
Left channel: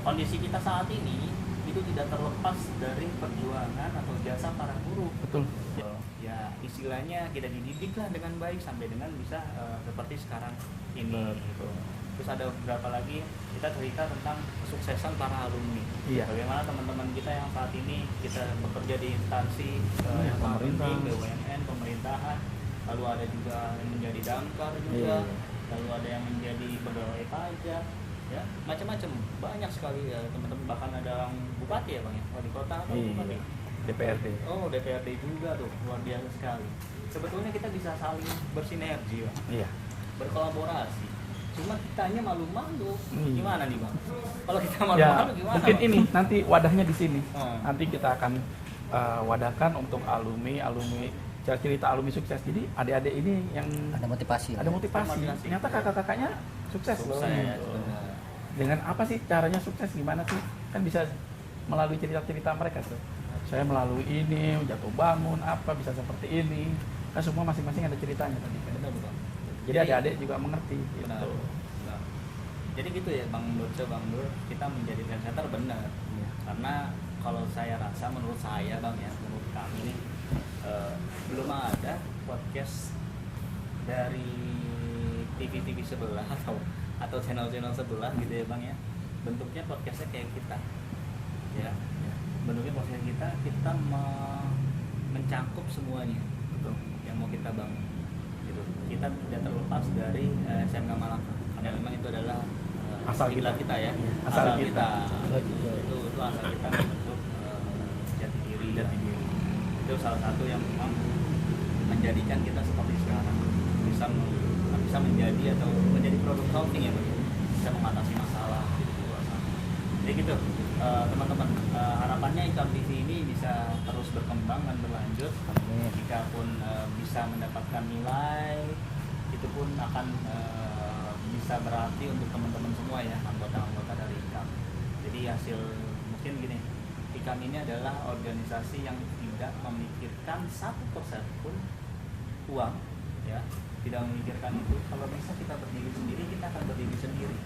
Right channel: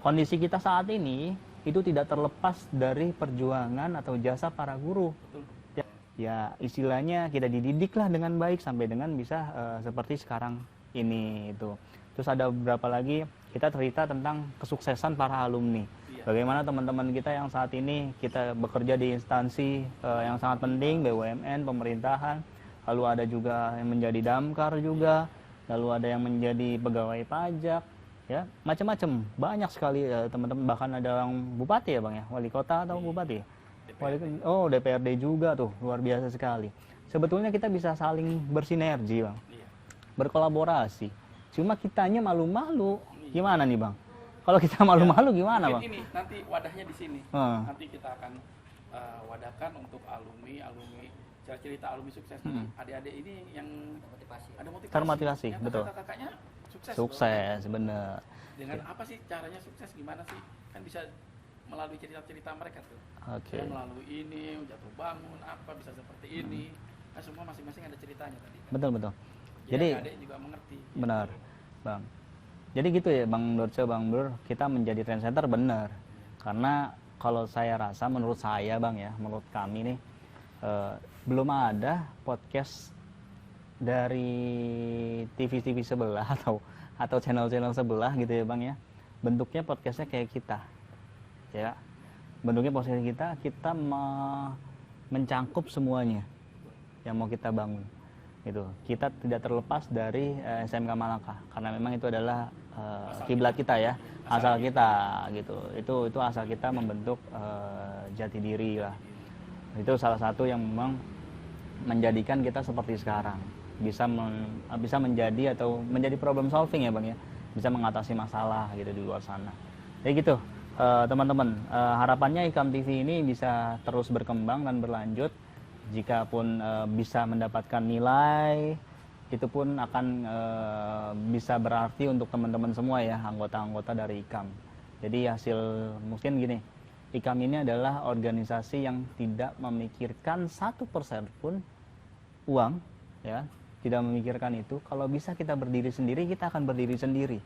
kondisi kita saat ini itu tidak terlepas dari perjuangan atau jasa para guru. Betul. Ya istilahnya kita dididik lah dengan baik sampai dengan bisa seperti sekarang ini itu. Terus ada beberapa lagi kita cerita tentang kesuksesan para alumni. Iya. Bagaimana teman-teman kita yang saat ini kita bekerja di instansi yang sangat penting, BUMN, pemerintahan. Lalu ada juga yang menjadi damkar juga. Lalu ada yang menjadi pegawai pajak, ya macam-macam, banyak sekali teman-teman. Bahkan ada yang bupati ya Bang ya, wali kota atau bupati. DPRD. Oh, DPRD juga tuh, luar biasa sekali. Sebetulnya kita bisa saling bersinergi Bang, Iya. berkolaborasi. Cuma kitanya malu-malu. Iya. Gimana nih Bang? Kalau kita malu-malu Ya, gimana? mungkin Bang? ini nanti wadahnya di sini. Hmm. Nanti kita akan wadahkan untuk alumni cerita alumni sukses. Jadi adik-adik ini yang Ada motivasi. ada motivasi. Ternyata betul. kakak-kakaknya sukses. loh. Sukses, bener. Dengan apa sih caranya sukses, gimana sih? Kan bisa melalui cerita-cerita mereka tuh. Oke. Saya melalui ini, jatuh bangun, apa bisa seperti ini. Kan semua masing-masing ada ceritanya tadi kan. Betul, betul. Jadi adik-adik juga mengerti. Benar. gitu. Nah, jadi gitu ya Bang Dorce, Bang Dur, kita menjadi trendsetter benar. Karena kalau saya rasa, menurut saya Bang ya, menurut kami nih belum ada podcast dari TV-TV sebelah atau channel-channel sebelah gitu ya Bang ya. Bentuknya podcastnya kayak kita. Ya. Bentuknya podcast kita mencangkup semuanya Betul. yang mau kita bangun. Gitu. Kita tidak terlepas dari SMK Malaka karena memang itu adalah Asal kiblat kita ya, Asal asal kita. kita. Itu asal kita membentuk jati diri ya. Jati diri. Itu salah satu yang memang menjadikan kita seperti sekarang, bisa menjadi atau menjadi problem solving ya Bang ya, bisa mengatasi masalah gitu di luar sana. Ya gitu teman-teman, harapannya Ikam TV ini bisa terus berkembang dan berlanjut. Jika pun bisa mendapatkan nilai, itu pun akan bisa berarti untuk teman-teman semua ya, anggota-anggota dari Ikam. Jadi hasil mungkin gini, IKAM ini adalah organisasi yang tidak memikirkan 1% pun uang, ya, tidak memikirkan itu. Kalau bisa kita berdiri sendiri, kita akan berdiri sendiri,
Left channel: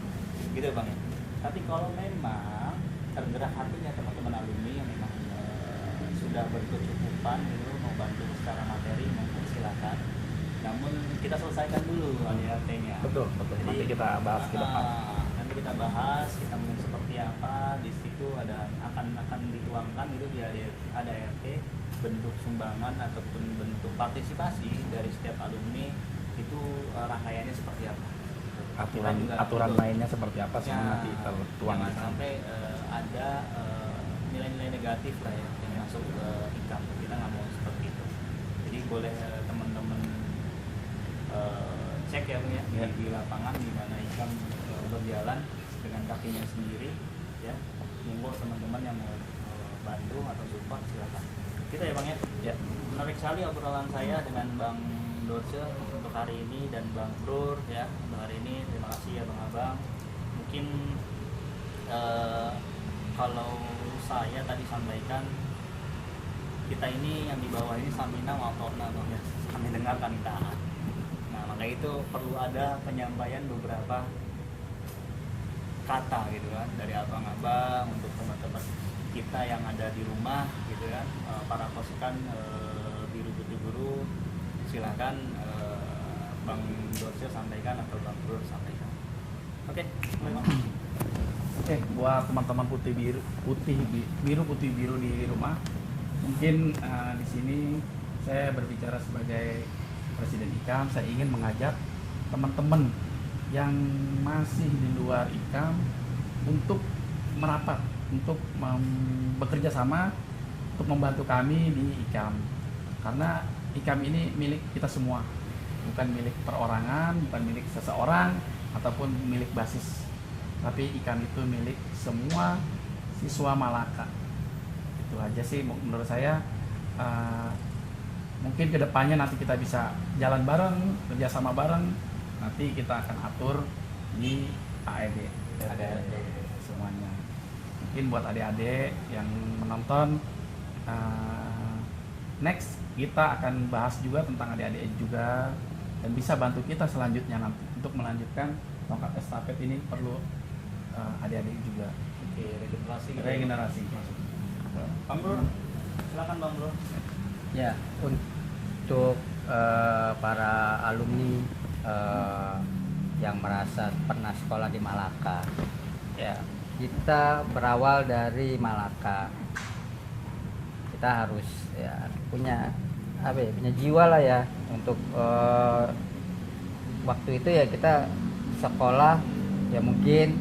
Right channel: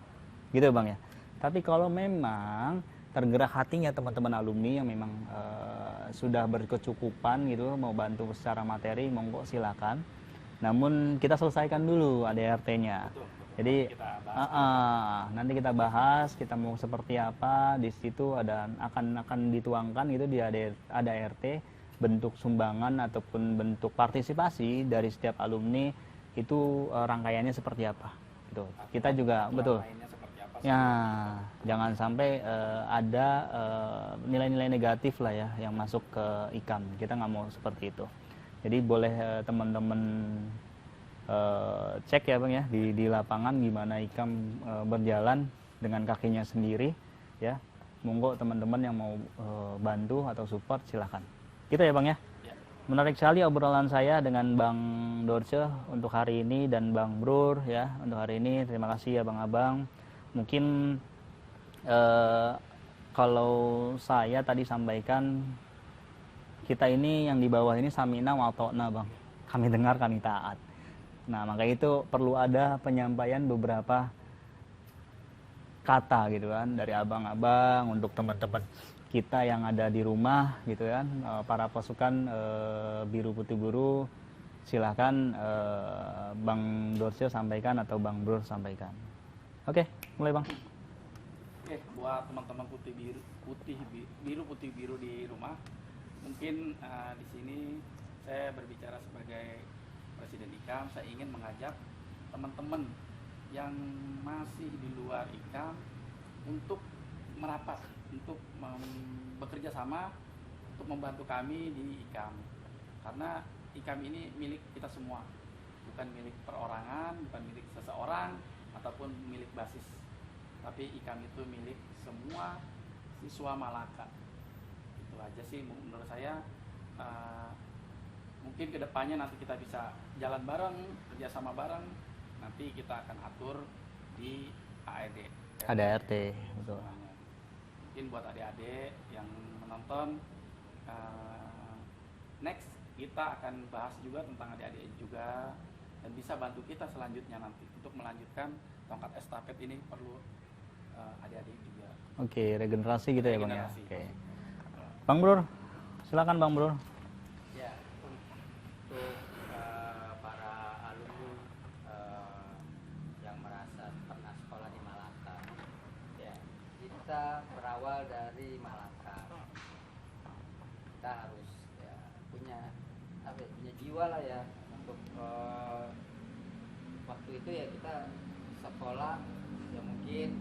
gitu Bang ya. Tapi kalau memang tergerak hatinya teman-teman alumni yang memang sudah berkecukupan gitu, mau bantu secara materi, monggo silakan. Namun kita selesaikan dulu ADRT-nya. Betul. Jadi nanti kita bahas ke depan. nanti kita bahas, kita mau seperti apa. Di situ akan dituangkan gitu di ADRT bentuk sumbangan ataupun bentuk partisipasi dari setiap alumni itu rangkaiannya seperti apa. Tuh. Kita juga aturan mainnya seperti apa sih nanti kalau jangan sampai ada nilai-nilai negatif lah ya yang masuk ke IKAM. Kita nggak mau seperti itu. Jadi boleh teman-teman cek ya Bang ya di lapangan gimana IKAM berjalan dengan kakinya sendiri ya. Monggo teman-teman yang mau bantu atau support silakan. Gitu ya Bang ya. Ya. Menarik sekali obrolan saya dengan Bang Dorce untuk hari ini dan Bang Brur ya untuk hari ini. Terima kasih ya Bang-abang. Mungkin kalau saya tadi sampaikan kita ini yang di bawah ini samina wa ta'na Bang ya. Kami dengar kami taat. Nah, maka itu perlu ada penyampaian beberapa kata gitu kan dari abang-abang untuk teman-teman kita yang ada di rumah gitu kan, para pasukan biru putih guru, silahkan Bang Dorce sampaikan atau Bang Bro sampaikan. Oke, mulai Bang. Oke, buat teman-teman putih biru di rumah, mungkin di sini saya berbicara sebagai Presiden IKAM. Saya ingin mengajak teman-teman yang masih di luar IKAM untuk merapat, untuk bekerja sama untuk membantu kami di IKAM. Karena IKAM ini milik kita semua, bukan milik perorangan, bukan milik seseorang ataupun milik basis. Tapi IKAM itu milik semua siswa Malaka. Itu aja sih menurut saya. Mungkin kedepannya nanti kita bisa jalan bareng, kerjasama bareng. Nanti kita akan atur di ADRT semuanya. Mungkin buat adik-adik yang menonton, next kita akan bahas juga tentang adik-adik juga dan bisa bantu kita selanjutnya nanti untuk melanjutkan tongkat estafet ini perlu adik-adik juga. Oke, regenerasi gitu. Regenerasi. Bang Bro, silakan Bang Bro. Ya, untuk para alumni yang merasa pernah sekolah di Malaka, ya kita berawal dari Malaka. Kita harus ya punya punya jiwa lah ya untuk waktu itu ya kita sekolah ya mungkin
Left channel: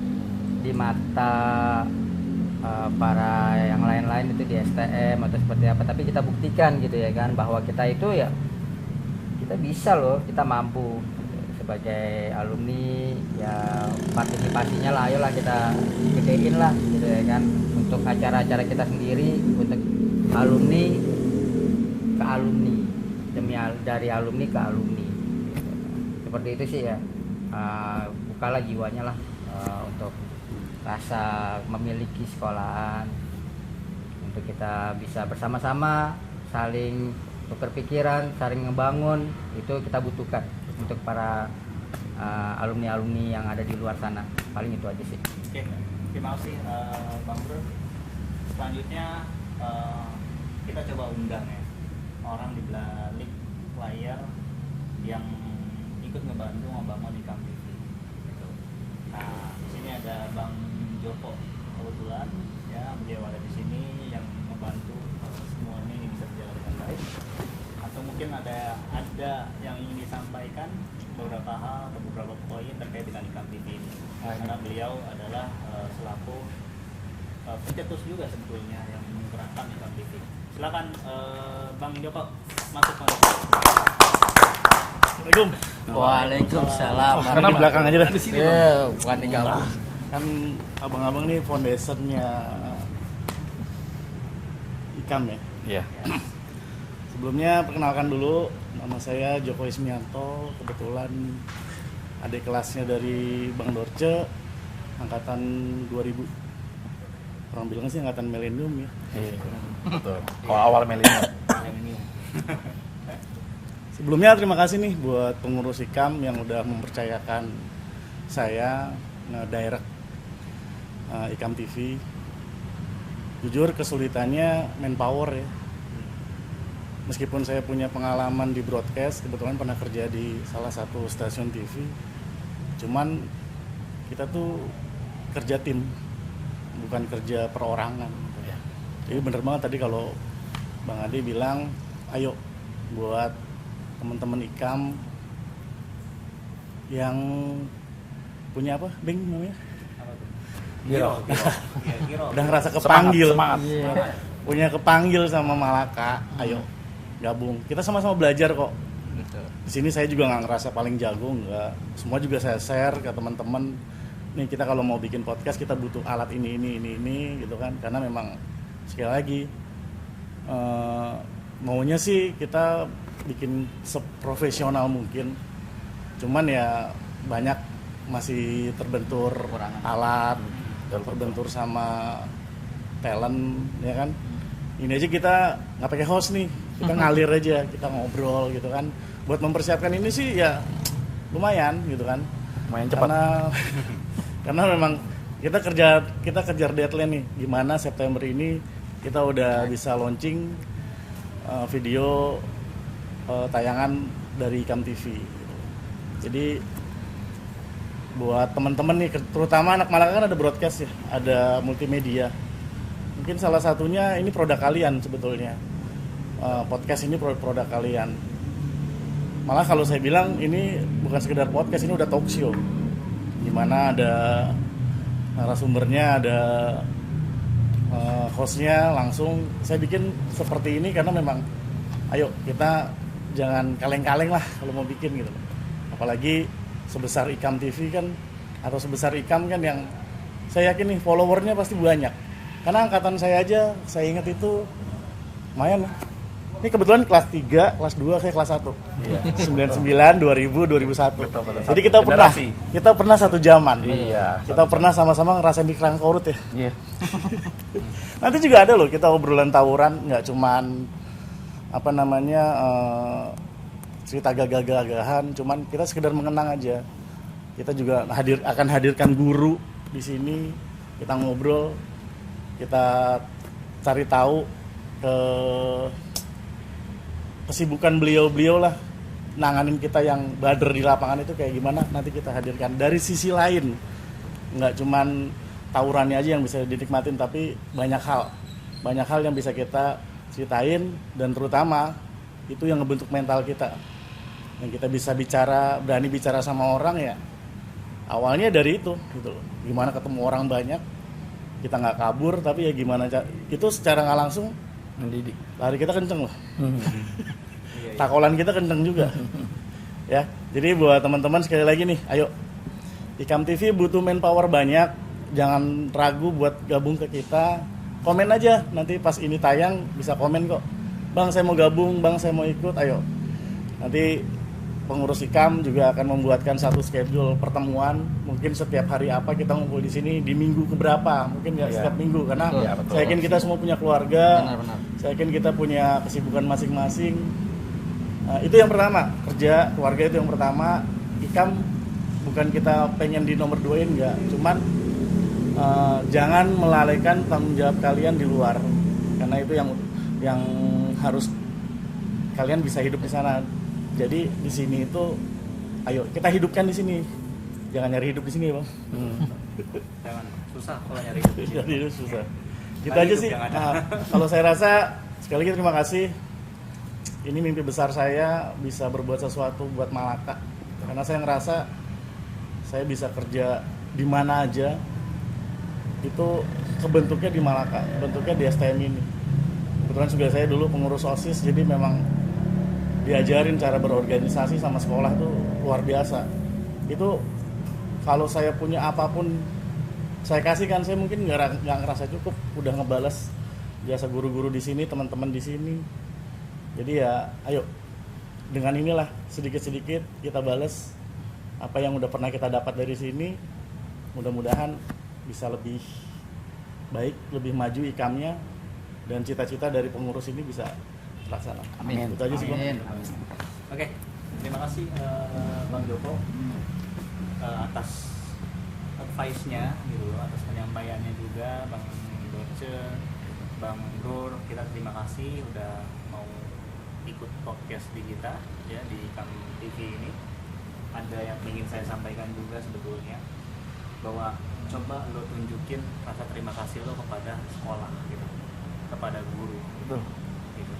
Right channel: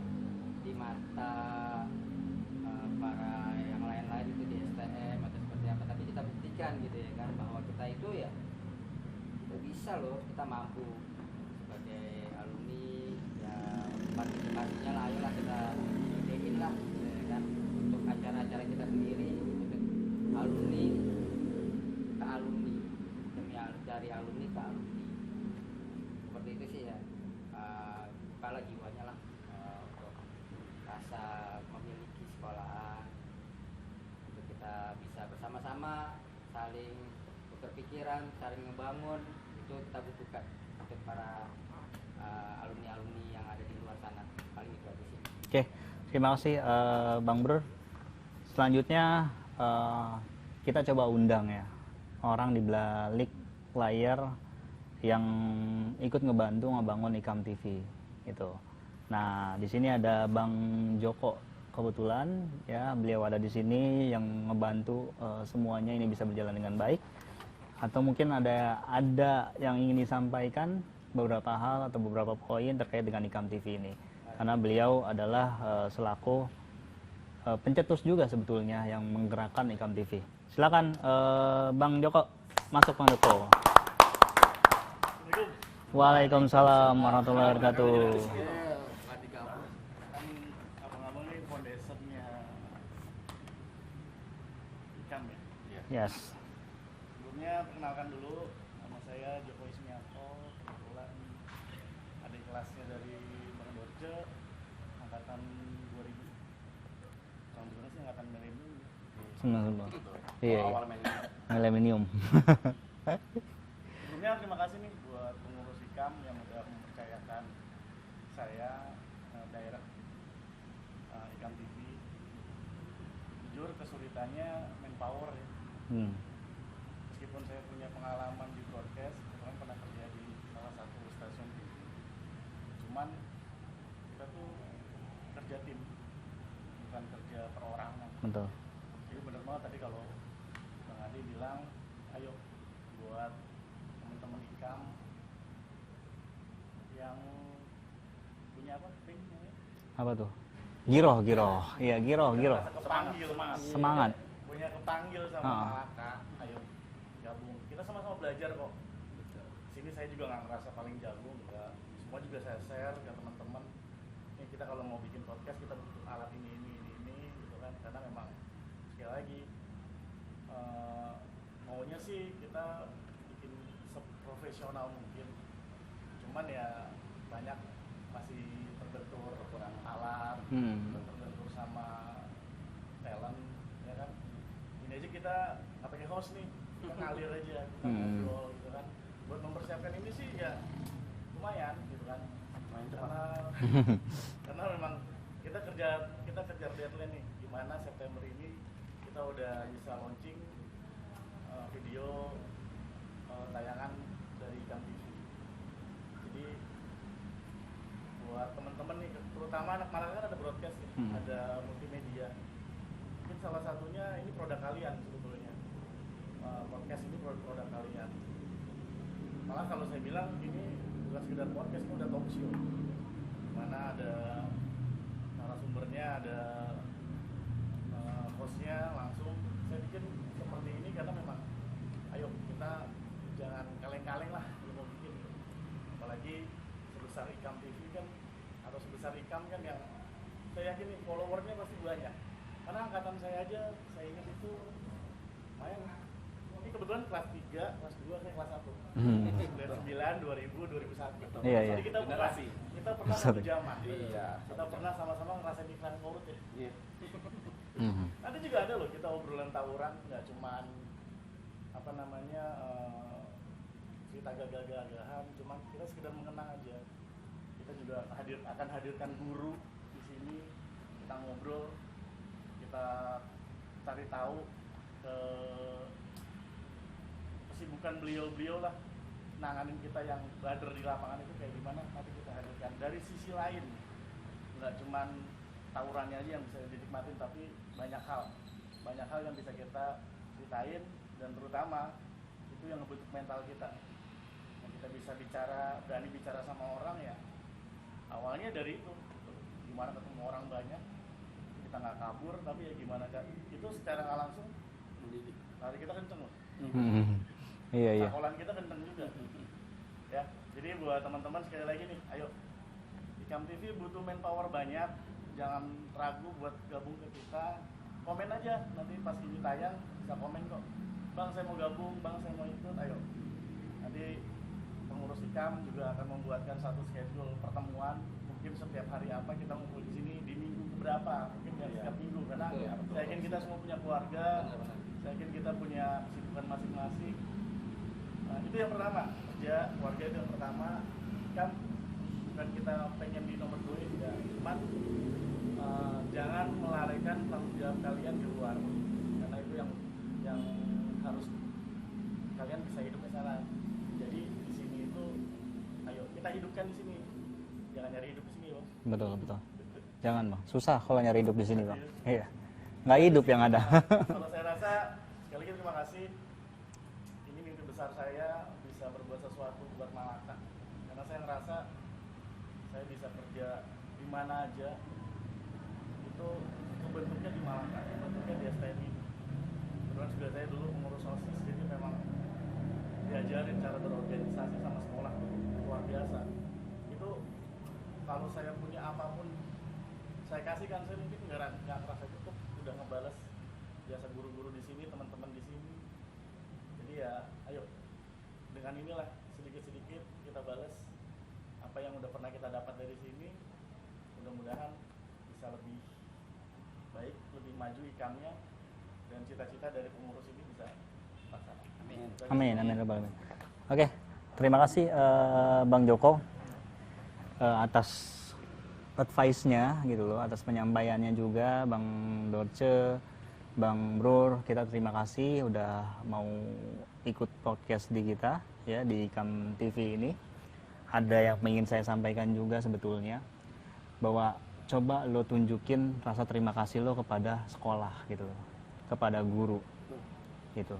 di mata para yang lain-lain itu di STM atau seperti apa, tapi kita buktikan gitu ya kan bahwa kita itu ya kita bisa loh, kita mampu sebagai alumni ya, partisipasinya lah ayolah kita gedein lah gitu ya kan untuk acara-acara kita sendiri, untuk alumni ke alumni, dari alumni ke alumni, seperti itu sih ya. Bukalah jiwanya lah untuk rasa memiliki sekolahan, untuk kita bisa bersama-sama saling tukar pikiran, saling ngebangun, itu kita butuhkan untuk para alumni-alumni yang ada di luar sana. Paling itu aja sih. Oke, terima kasih Bang Bro. Selanjutnya kita coba undang ya orang di balik layar yang ikut ngebantu ngebangun IKAM TV gitu. Nah, di sini ada Bang Joko kebetulan ya, beliau ada di sini yang ngebantu semuanya ini bisa berjalan dengan baik. Atau mungkin ada yang ingin disampaikan beberapa hal atau beberapa poin terkait dengan IKAM TV ini. Karena beliau adalah selaku pencetus juga sebetulnya yang menggerakkan IKAM TV. Silakan Bang Joko masuk Bang Joko. Assalamualaikum. Waalaikumsalam. Karena di belakang aja dari sini. Bukan tinggal. Kan abang-abang ini foundationnya IKAM ya. Iya. Ya. Sebelumnya perkenalkan dulu, nama saya Joko Ismianto. Kebetulan adik kelasnya dari Bang Dorce, angkatan 2000. orang bilang sih angkatan milenium ya. Iya. Benar. Betul. Iya. Kalau awal milenial. Aluminium. Sebelumnya terima kasih nih buat pengurus IKAM yang udah mempercayakan saya nge-direct IKAM TV. Jujur kesulitannya manpower ya. Meskipun saya punya pengalaman di broadcast, kebetulan pernah kerja di salah satu stasiun TV, cuman kita tuh kerja tim, bukan kerja perorangan. Jadi bener banget tadi kalau Bang Ade bilang, ayo buat teman-teman IKAM yang punya apa, Bing namanya? Apa tuh? Giro. Iya, Giro. Udah ngerasa kepanggil, Semangat. punya kepanggil sama Malaka, ayo gabung. Kita sama-sama belajar kok. Gitu. Di sini saya juga nggak ngerasa paling jago, nggak. Semua juga saya share ke teman-teman. Nih kita kalau mau bikin podcast kita butuh alat ini gitu kan. Karena memang sekali lagi maunya sih kita bikin seprofesional mungkin. Cuman ya banyak masih terbentur alat, terbentur sama talent, ya kan. Ini aja kita nggak pakai host nih, kita ngalir aja, kita ngobrol gitu kan. Buat mempersiapkan ini sih ya lumayan gitu kan. Lumayan cepat. Karena memang kita kejar deadline nih. Gimana September ini kita udah bisa launching video tayangan dari IKAM TV. Jadi buat teman-teman nih, terutama anak Malaka kan ada broadcast ya, ada multimedia. Mungkin salah satunya ini produk kalian sebetulnya. Podcast ini produk kalian. Malah kalau saya bilang ini bukan sekedar podcast, ini udah talk show. Gimana ada narasumbernya, ada hostnya langsung. Saya bikin seperti ini karena memang ayo kita jangan kaleng-kaleng lah kalau mau bikin gitu. Apalagi sebesar IKAM TV kan, atau sebesar IKAM kan yang saya yakin nih followernya pasti banyak. Karena angkatan saya aja, saya ingat itu lumayan. Ini kebetulan kelas 3, kelas 2, saya kelas 1. 99, 2000, 2001. Jadi kita pernah satu zaman. Iya. Kita pernah sama-sama ngerasain di kerang korut ya. Iya. Nanti juga ada loh kita obrolan tawuran, nggak cuman cerita gagah-gagahan, cuman kita sekedar mengenang aja. Kita juga akan hadirkan guru di sini, kita ngobrol, kita cari tahu kesibukan beliau-beliau lah, nanganin kita yang bader di lapangan itu kayak gimana, nanti kita hadirkan dari sisi lain. Nggak cuman tawurannya aja yang bisa dinikmatin, tapi banyak hal yang bisa kita ceritain, dan terutama itu yang ngebentuk mental kita, yang kita bisa berani bicara sama orang ya. Awalnya dari itu gitu loh, gimana ketemu orang banyak, kita nggak kabur, tapi ya gimana itu secara nggak langsung Mendidik. lari kita kenceng loh. Iya. Takolan kita kenceng juga. Ya, jadi buat teman-teman sekali lagi nih, ayo IKAM TV butuh manpower banyak, jangan ragu buat gabung ke kita. Komen aja, nanti pas ini tayang bisa komen kok. Bang saya mau gabung, bang saya mau ikut, ayo. Nanti pengurus IKAM juga akan membuatkan satu schedule pertemuan, mungkin setiap hari apa kita ngumpul di sini, di minggu keberapa, mungkin nggak setiap minggu, karena saya yakin kita semua punya keluarga, saya yakin kita punya kesibukan masing-masing. Itu yang pertama, kerja keluarga itu yang pertama. IKAM bukan kita pengen di nomor 2-in, nggak, cuman jangan melalaikan tanggung jawab kalian di luar, karena itu yang harus kalian bisa hidup di sana. Jadi di sini itu, ayo kita hidupkan di sini, jangan nyari hidup di sini, bang. Jangan, susah kalau nyari hidup di sini. Jadi itu susah. Iya. Kita Baik aja hidup sih. yang ada. Kalau saya rasa sekali lagi terima kasih. Ini mimpi besar saya bisa berbuat sesuatu buat Malaka, karena saya ngerasa saya bisa kerja di mana aja. Itu kebentuknya di Malaka, bentuknya di STM ini. Kebetulan juga saya dulu pengurus OSIS, jadi memang diajarin cara berorganisasi sama sekolah tuh luar biasa. Itu kalau saya punya apapun saya kasihkan, saya mungkin nggak ngerasa cukup, udah ngebalas jasa guru-guru di sini, teman-teman di sini. Jadi ya ayo, dengan inilah sedikit-sedikit kita balas apa yang udah pernah kita dapat dari sini. Mudah-mudahan bisa lebih baik, lebih maju ikamnya, dan cita-cita dari pengurus ini bisa terlaksana. Amin. Itu aja sih. Amin. Oke, terima kasih Bang Joko atas advice-nya gitu loh, atas penyampaiannya juga Bang Dorce, Bang Brur, kita terima kasih udah mau ikut podcast di kita ya di IKAM TV ini. Ada yang ingin saya sampaikan juga sebetulnya, bahwa coba lo tunjukin rasa terima kasih lo kepada sekolah gitu, kepada guru gitu.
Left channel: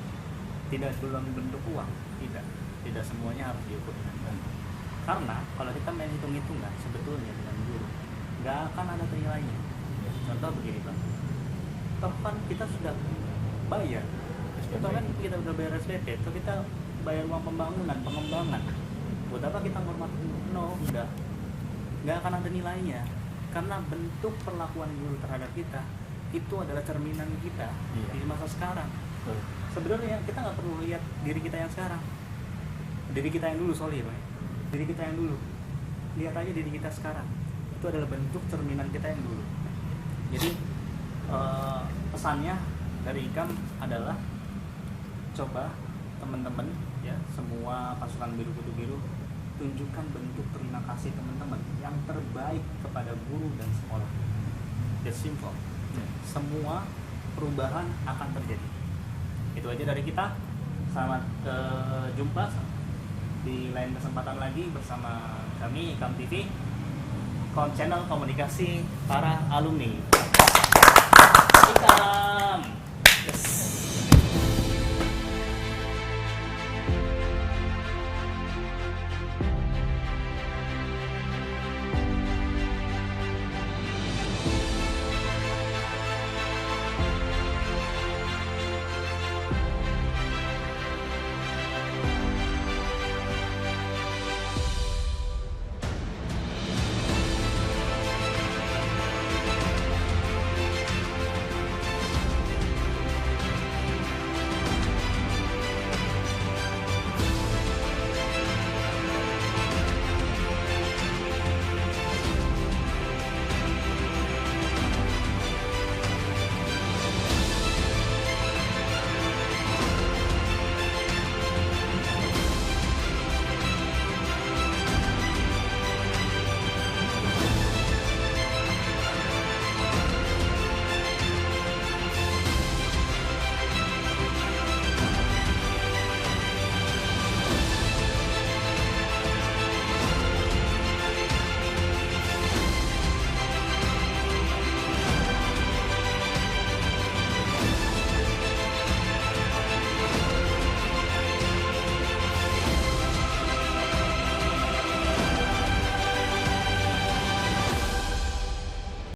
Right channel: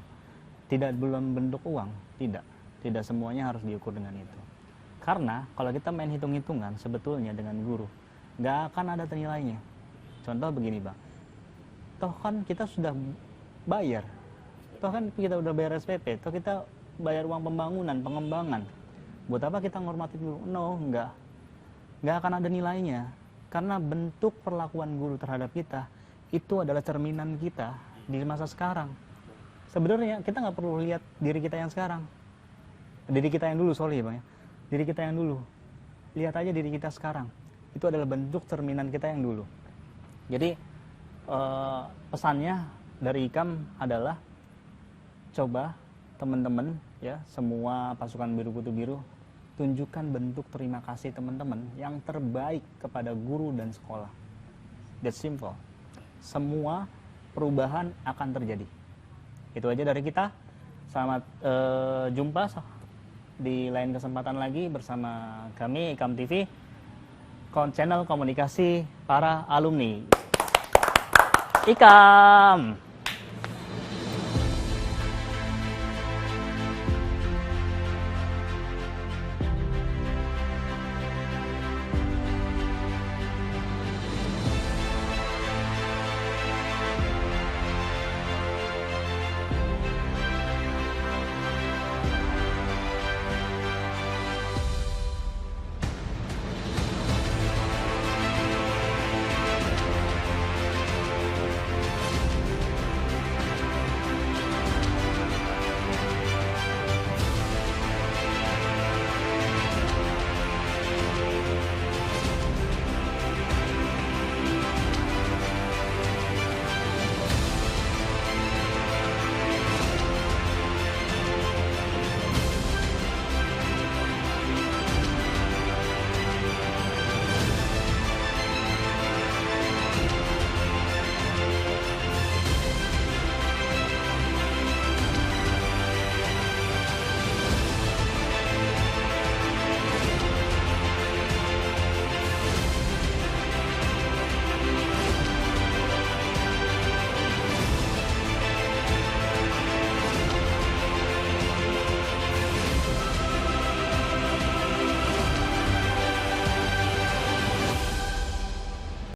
Tidak dalam bentuk uang, tidak semuanya harus diukur dengan uang. Karena kalau kita main hitung-hitungan sebetulnya dengan guru nggak akan ada nilainya. Contoh begini Bang, toh kan kita sudah bayar, toh kan kita udah bayar SPP, toh kita bayar uang pembangunan, pengembangan. Buat apa kita ngormati guru? No, nggak akan ada nilainya. Karena bentuk perlakuan guru terhadap kita itu adalah cerminan kita di masa sekarang. Sebenarnya kita nggak perlu lihat diri kita yang sekarang, diri kita yang dulu, sorry Bang, diri kita yang dulu. Lihat aja diri kita sekarang, itu adalah bentuk cerminan kita yang dulu. Jadi pesannya dari IKAM adalah coba teman-teman ya, semua pasukan biru kutu biru, tunjukkan bentuk terima kasih teman-teman yang terbaik kepada guru dan sekolah. That's simple. Semua perubahan akan terjadi. Itu aja dari kita. Selamat jumpa di lain kesempatan lagi bersama kami IKAM TV, channel komunikasi para alumni IKAM.